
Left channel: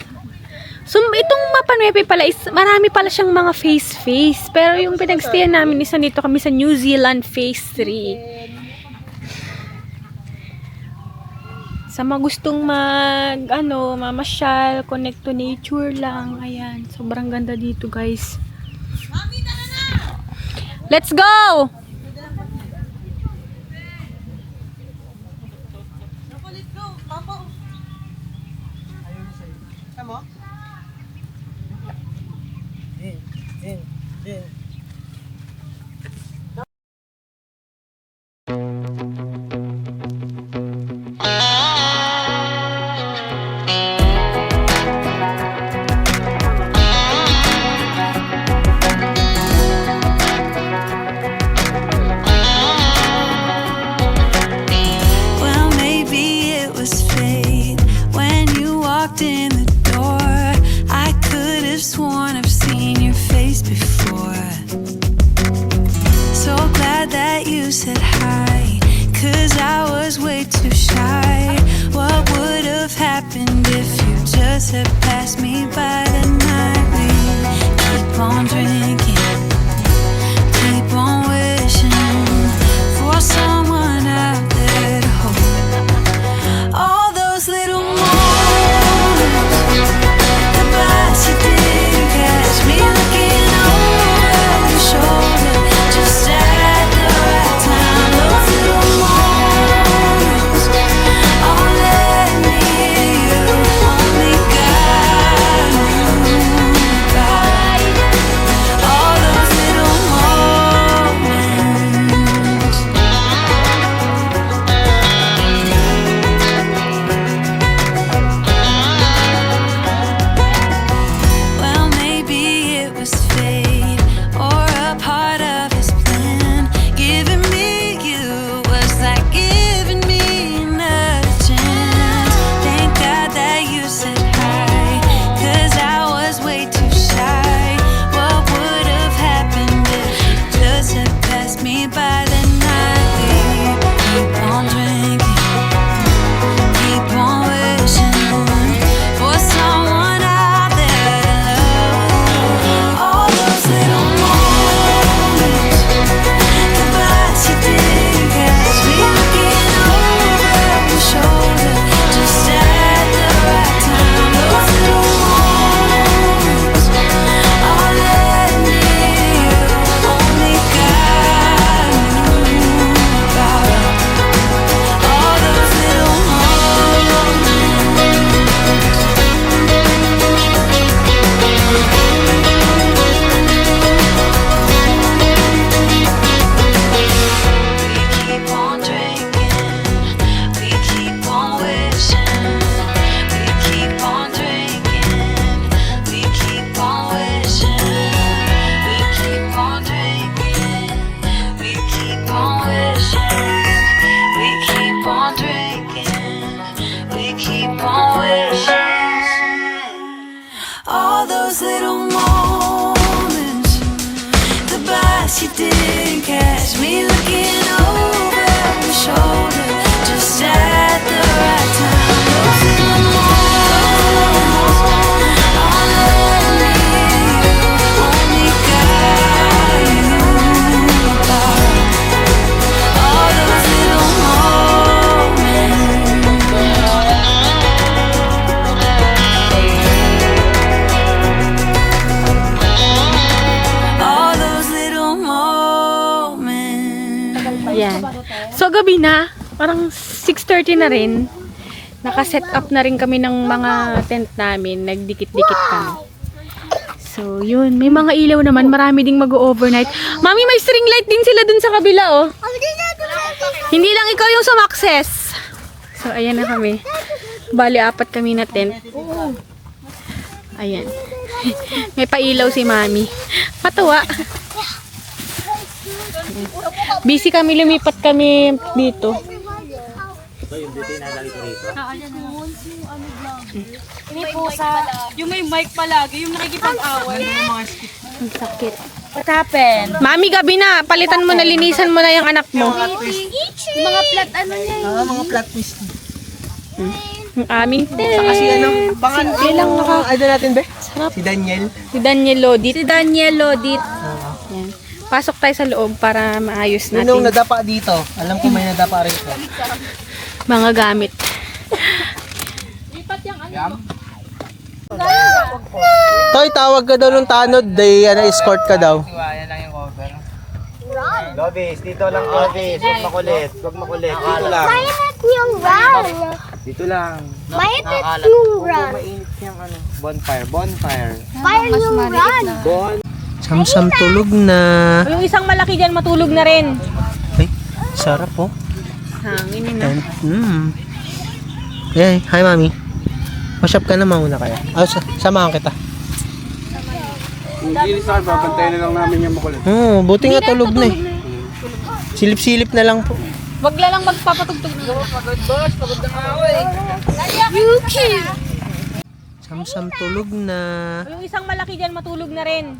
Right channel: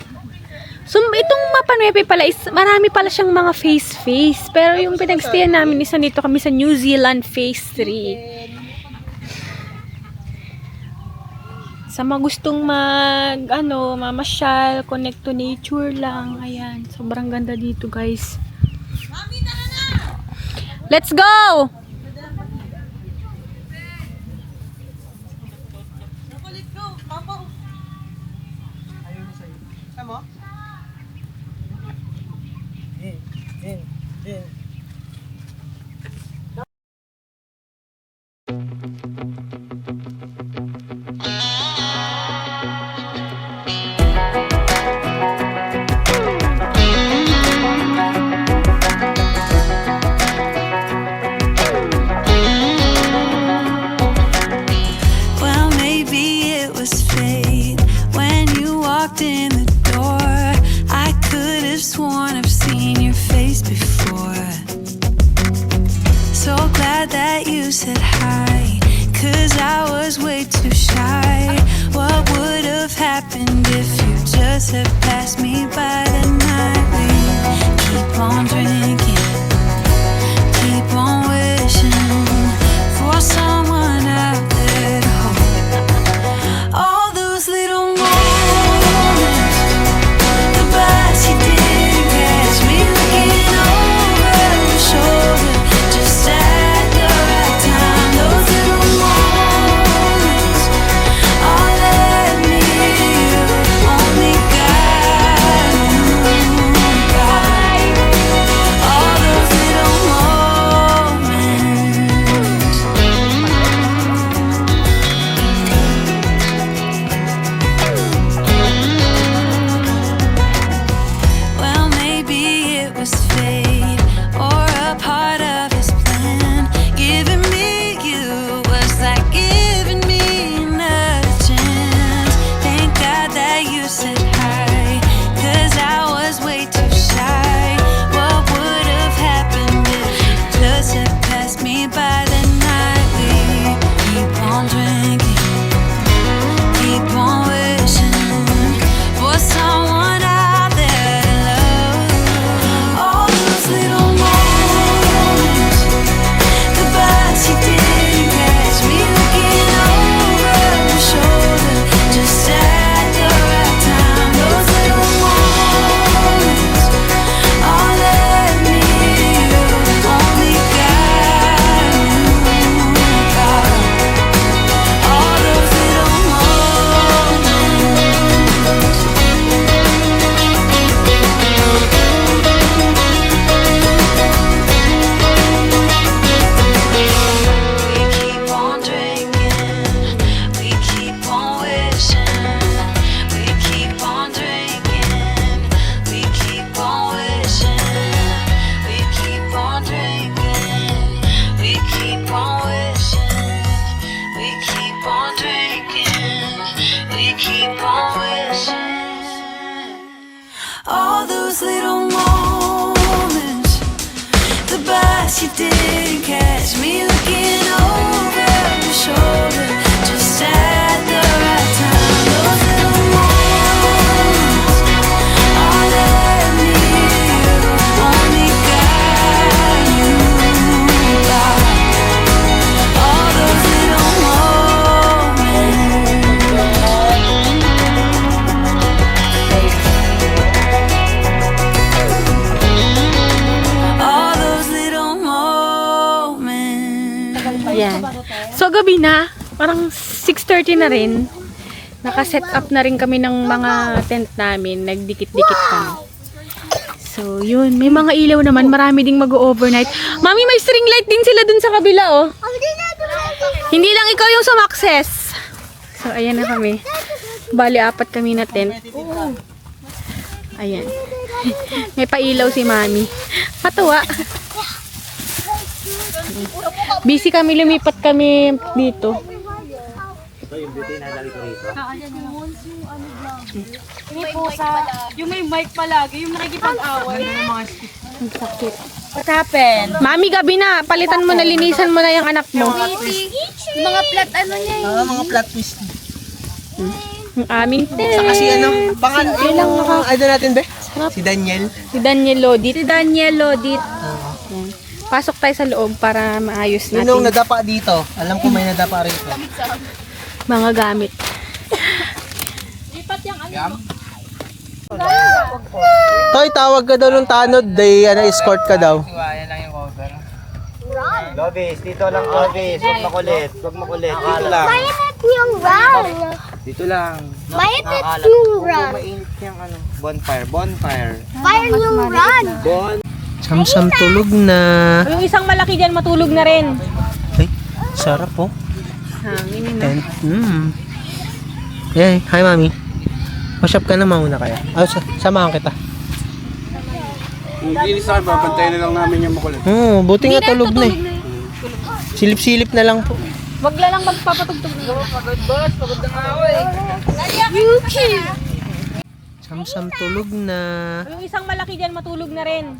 So, itong Mapa Nueve pala is, marami pala siyang mga phase. Pero yung pinagstayan namin is nandito kami sa New Zealand phase 3. Sa mga gustong mamasyal, connect to nature lang. Ayan, sobrang ganda dito, guys. Let's go! Well, maybe it was fate when you walked in the door. I could have sworn I've seen your face before. So glad that you said hi, 'cause I was way too shy. What would have happened if you just had passed me by the night? We keep on drinking, keep on wishing for someone out there to hold. All those little moments, the bus you didn't catch me looking over your shoulder, just at the right time. Those little moments all led me to you. Only God knew about all those little moments. Well, maybe it was fate or a part of his plan. Giving me you was like giving me another chance. Thank God that you said hi, 'cause I was way too shy. What would have happened if you just had passed me by the night? We keep on drinking, keep on wishing for someone out there to love. All those little moments, the bus you didn't catch me looking over your shoulder, just at the right time. Those little moments all led me to you. Only God knew about all those little moments. We keep on drinking, we keep on wishing. We keep on drinking, we keep on wishing. We keep on drinking, we keep on wishing. We keep on drinking, we keep on wishing. All those little moments, the bus you didn't catch me looking over your shoulder, just at the right time. Those little moments all led me to you. Only God knew about all those little moments. All those little moments. Yan. So, gabi na. Parang 6:30 na rin. Naka-set up na rin kami ng mga tent namin. Nagdikit-dikit kami. So, yun. May mga ilaw naman. Marami ding mag-overnight. Mami, may string light din sila dun sa kabila, oh. Hindi lang ikaw yung sumakses. So, ayan na kami. Bali, 4 kami na tent. Ayan. May pailaw si Mami. Matuwa. Busy kami, lumipat kami dito. Yung may mic palagi, yung ready pag-away. What happened? Mami, gabi na. Palitan mo na, linisan mo na yung anak mo. Yung mga flat ano yan. Mga flat twist. Yung aming tent. Kasi ano, baka Simple lang ano natin be? Si Daniel. Si Daniel Lodit. Yan. Pasok tayo sa loob para maayos Nung natin nadapa dito, alam ko may nadapa rito. mga gamit. Toy, tawag ka daw ng tanod, day, escort ka daw. Iwanan lang yung cover. Lobis, dito lang Lobis. Huwag makulit. Huwag makulit. Dito lang. Mainit yung run. Dito lang. Mainit yung run. Bonfire. Bonfire. Fire yung run. Samsam tulog na. Yung isang malaki dyan matulog na rin. Ay, sarap po. Hangin na. Tent. Hey, hi mami. Wash up ka na mauna kaya. Samahan kita. Kung gilis sa babantayan na lang namin yung makulit. Buti nga tulog na eh. Silip-silip na lang po. Wag lang magpapatugtog na. Pagod boss, pagod na nga ako eh. Samsam tulog na. Yung isang malaki dyan matulog na rin.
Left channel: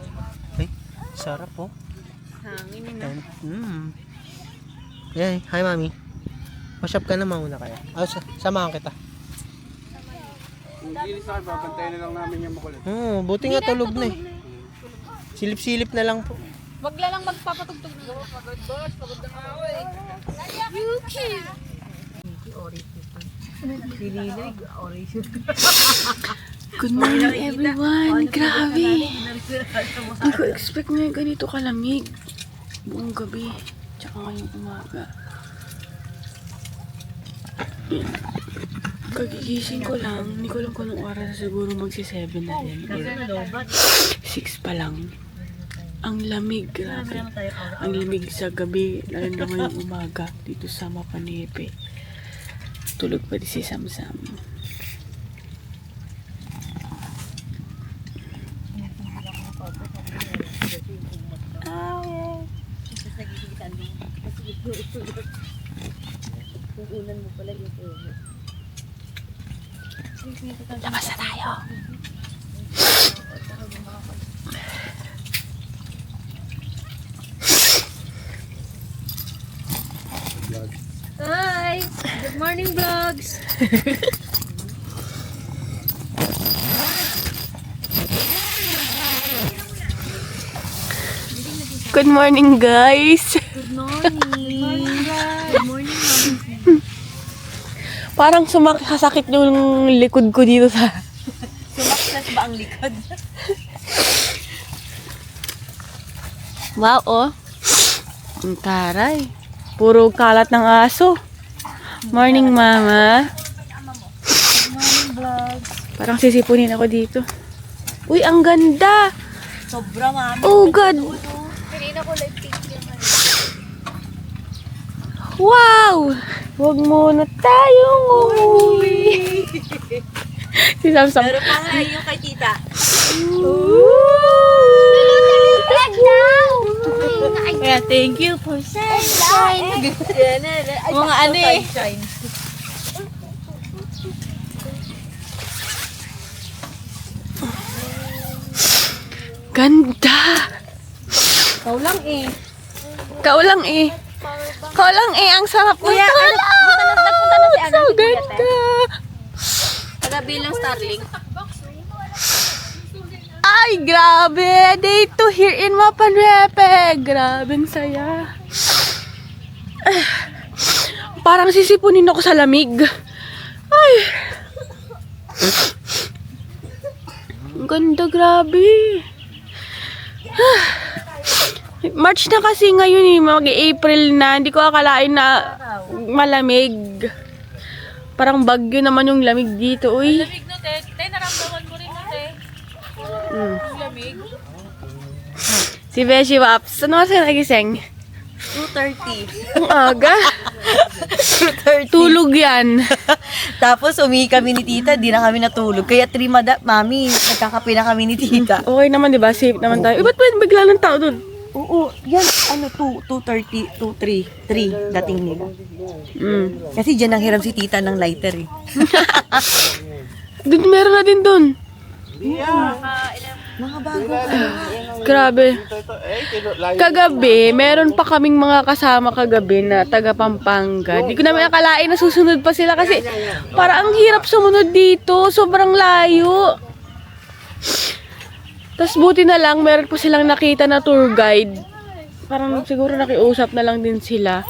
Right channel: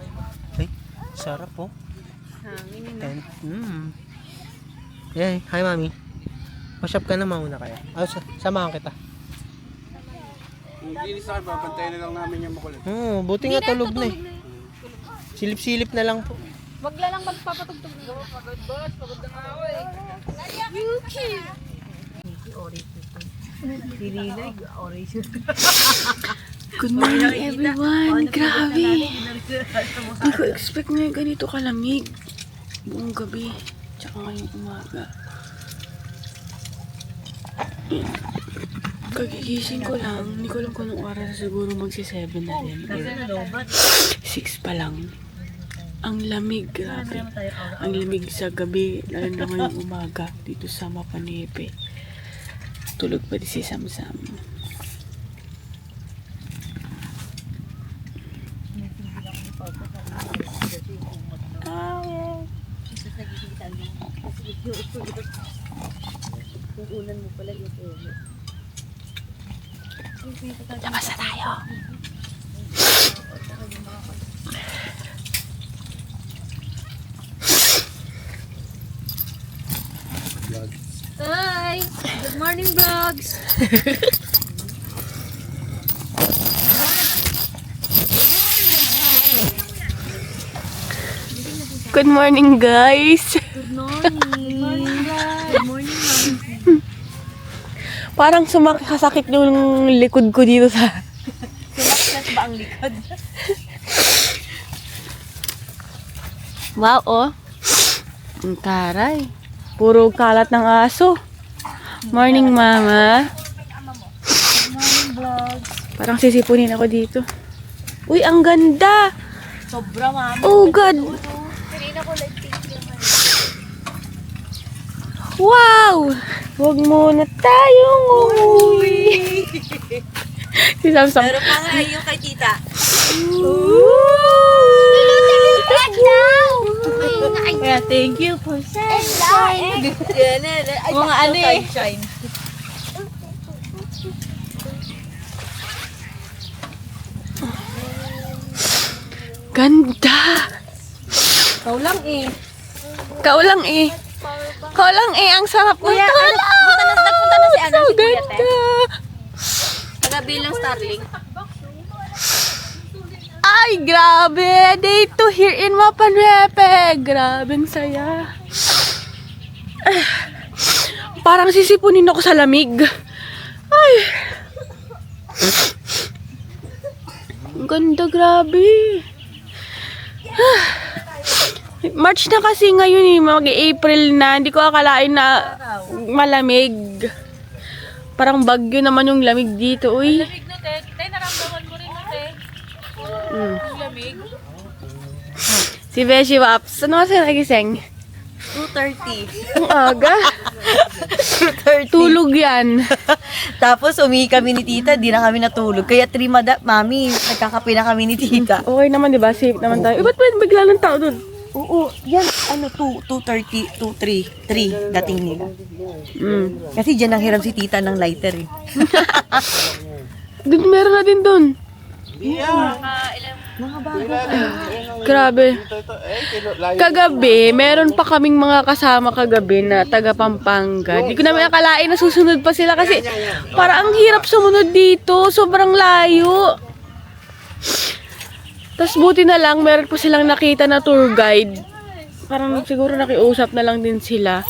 Ay, sarap po. Hangin na. Tent. Hey, hi mami. Wash up ka na mauna kaya. Samahan kita. Kung gilis sa babantayan na lang namin yung makulit. Buti nga tulog na eh. Silip-silip na lang po. Wag lang magpapatugtog na. Pagod boss, pagod na nga ako eh. Good morning everyone. Grabe. Hindi ko expect na ganito kalamig. Buong gabi. Tsaka ngayong umaga. Yan. Kagigising ko lang. Hindi ko alam kung anong oras. Siguro magsi-7 na din. 6 pa lang. Ang lamig. Grabe. Ang lamig sa gabi. Lalo na ngayong umaga. Dito sa Mapanepe. Tulog pa di si Samsam. Labas na tayo. Hi! Good morning vlogs! Good morning, guys. Parang sumakit yung likod ko dito sa... Sumakit ba ang likod? Wow, oh. Ang taray. Puro kalat ng aso. Morning, mama. Morning vlog. Parang sisipunin ako dito. Uy, ang ganda. Sobra mami. Oh, God. Wow! Huwag muna tayong umuwi. Si Samsam. Pero pangalan yung kay tita. Kaya thank you for sunshine. Mga ano eh. Ganda. Ikaw lang eh. Ikaw lang eh. Ang sarap ng tulog. So ganda. Taga-bilang Starling. Ay, grabe. Day 2 here in Mapanepe. Grabeng saya. Parang sisipunin ako sa lamig. Ay. Ang ganda, grabe. March na kasi ngayon eh. Mag-April na. Hindi ko akalain na malamig. Parang bagyo naman yung lamig dito. Uy. Lamig na, te. Te, naramdaman mo rin mo, te. Yung lamig. Si Beshi Waps. Ano kasi nagising? 2:30. Ang aga. 2:30. Tulog yan. Tapos umihi kami ni tita, di na kami natulog. Kaya mami, nagkakape na kami ni tita. Okay naman, di ba? Safe naman tayo. Ba't bigla ng tao doon? Oo, yan, 2:30, 3 dating nila. Kasi dyan ang hiram si tita ng lighter eh. Doon, meron na din doon. Grabe. Kagabi, meron pa kaming mga kasama kagabi na taga Pampanga. Di ko namin akalain na susunod pa sila kasi para ang hirap sumunod dito. Sobrang layo. Tapos buti na lang, meron pa silang nakita na tour guide. Parang siguro nakiusap na lang din sila.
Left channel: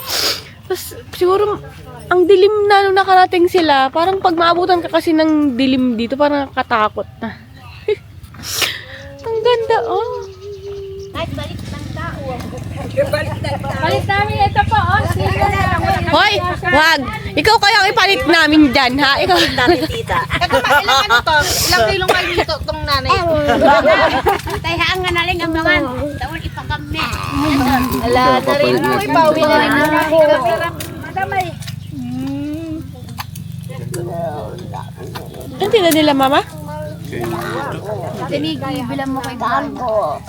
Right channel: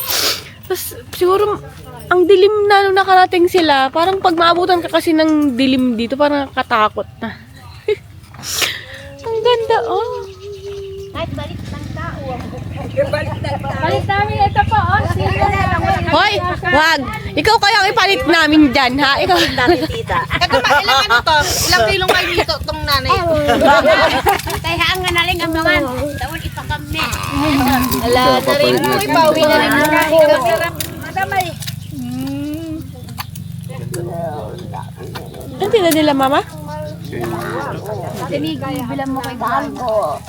Tapos siguro ang dilim na nung nakarating sila. Parang pag maabutan ka kasi ng dilim dito, parang nakatakot na. Ang ganda, oh. Hoy, wag. Ikaw kaya ipalit namin dyan, ha? Ikaw. Ilang kilong kayo dito itong nanay? Kaya ang nga naling ang mga tawon ipagami. Wala na rin. Uy, pauwi na rin. Hindi na nila, mama? Bilang mo kay Bangko.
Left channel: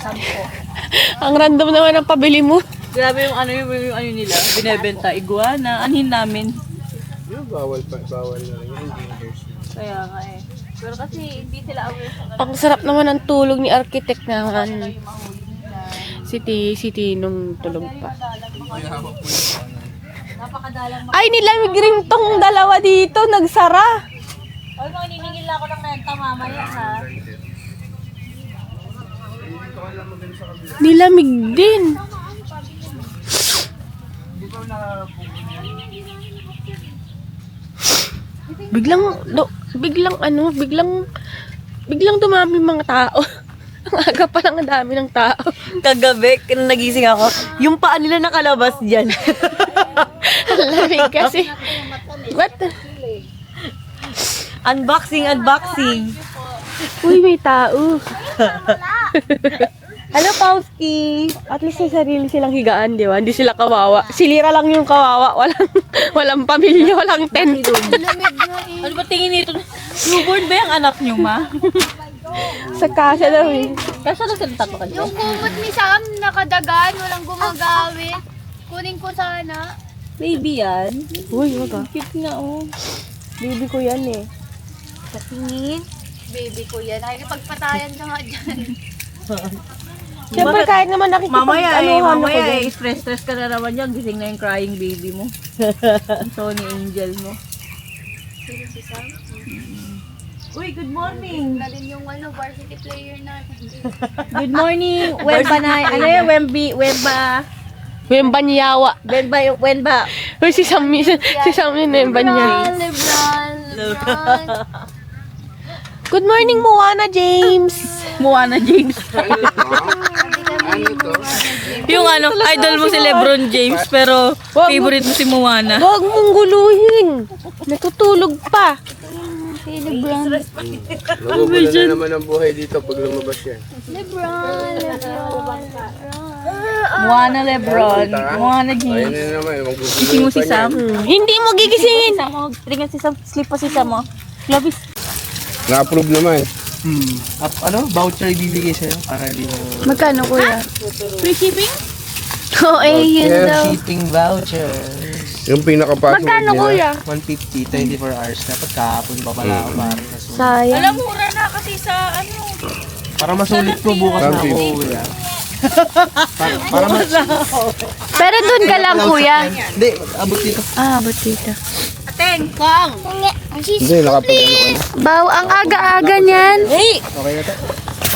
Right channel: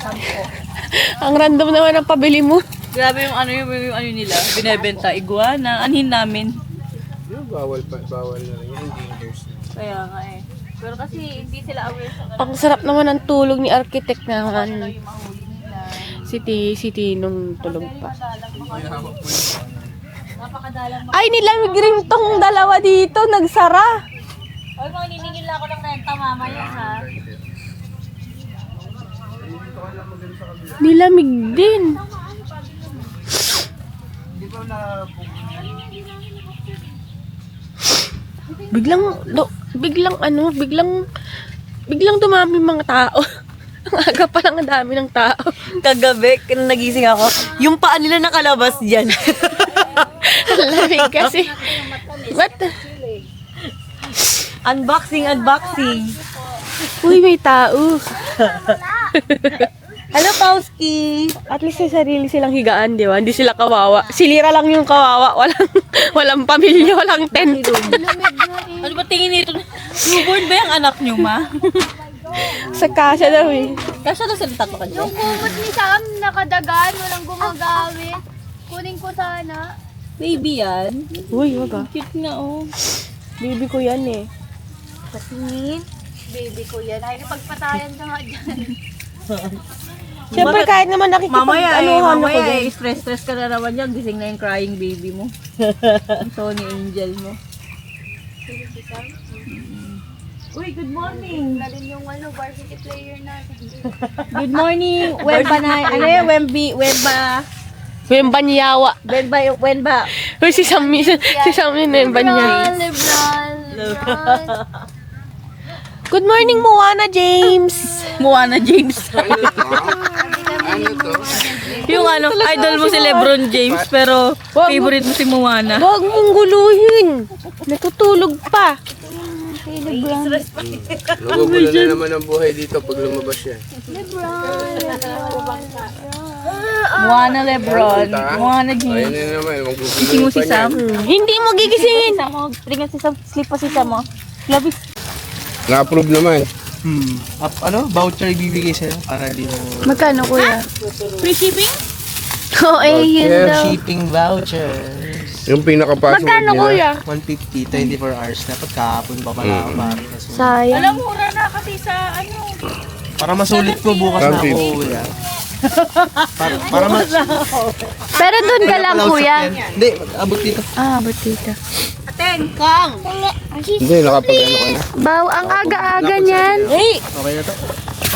Ang random naman ang pabili mo. Grabe yung ano nila, binebenta, iguana, anhin namin. Bawal na rin. Kaya nga eh. Pero kasi hindi sila aware sa Ang sarap naman ng tulog ni architect naman. Si Tinong tulog pa. Ay, nilamig rin tong dalawa dito. Nagsara. Ay, mga niningil ako ng renta mamaya ha. Nilamig din. Biglang dumami mga tao. Ang aga pa lang ang dami ng tao. Kagabi, nagising ako, yung paa nila nakalabas dyan. Ang lamig kasi. What? Unboxing. Uy, may tao. Hello, Pauski! At least may sarili silang higaan, di ba? Hindi sila kawawa. Si Lira lang yung kawawa. Walang pamilya, walang tent. Ano ba tingin nito? Newborn ba yung anak niyo, ma? Sa kasa daw eh. Kasi na sila tato ka dyan? Yung kumot ni Sam, nakadagan, walang gumagawin. Kunin ko sana. Baby yan. Uy, ba? Cute nga, oh. Baby ko yan eh. Tingin. Baby ko yan. Ay, pagpatayan ka nga dyan. Siyempre kahit naman nakikita. Mamaya stress ka na naman yan. Gising na yung crying baby mo. Tony Angel mo. Uy, good morning. Nalin yung varsity player natin. Good morning. Wemba na. Ano yun? Wemba niyawa. Wemba. Uy, si Sammy na Wemba niya. Lebron. Good morning, Moana James. Yung ano, idol mo si Lebron James, pero favorite mo si Moana. Huwag mong guluhin. Natutulog pa. Nagugulo na naman ang buhay dito pag lumabas yan. Moana Lebron. Moana Ayun James. na naman. Gising mo si Sam? Hindi mo gigisingin. Ringan si Sam. Sleep pa si Sam, oh. Labis. Na-approve naman. Voucher ibibigay sa'yo para di mo... Magkano, kuya? Free shipping? Oo, yun daw. shipping vouchers. Yung pinaka-password Magkano, kuya? 150, 24 hours. Dapat kahapon pa pala ako para kasunod. Sayang. Mura na kasi sa ano. Para masulit po bukas na po. Para mas... Pero doon ka lang, kuya. Hindi, abot dito. Abot dito. Hindi, nakapag-ano ka na. Baw, ang aga-aga niyan. Okay na to.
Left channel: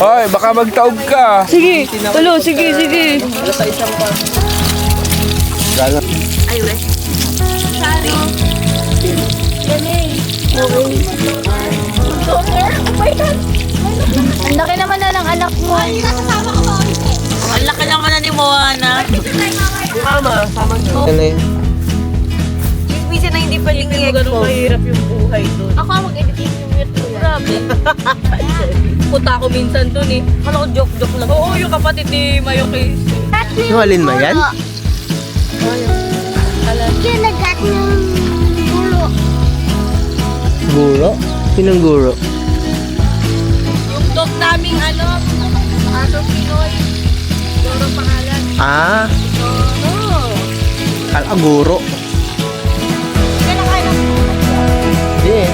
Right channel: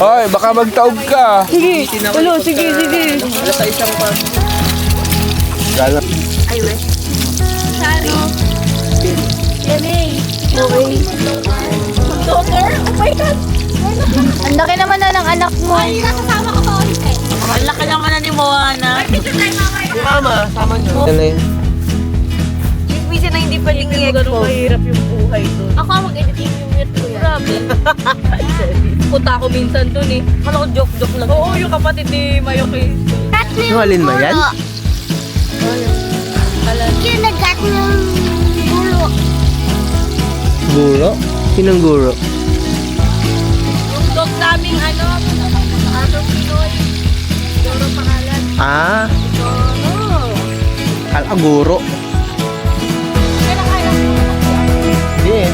Oy, baka magtaob ka. Sige. Sige. Sa isang pa. Gala. Ang laki naman na ng anak mo. Ang laki naman na ni Moana. Ano yun? Minsan na hindi pwedeng i-expose. Mahirap yung buhay doon. Ako ang mag-editing yung mute ko. Grabe. Puta ako minsan doon eh. Kala ko joke-joke lang. Oo, yung kapatid ni Mayokay. Yung alin ba yan? Guro? Sinong guro? Yung dog naming ano, Pinoy. Doro pangalan. Ah! Kala guro. Hindi eh.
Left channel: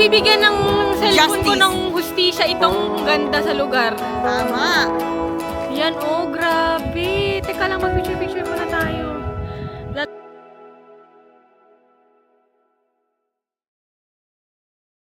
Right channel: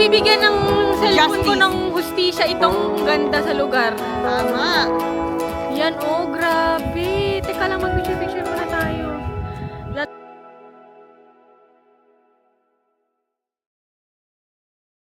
bibigyan ng cellphone ko ng hustisya itong ganda sa lugar. Tama. Yan, oh, grabe. Teka lang, mag-picture-picture muna tayo.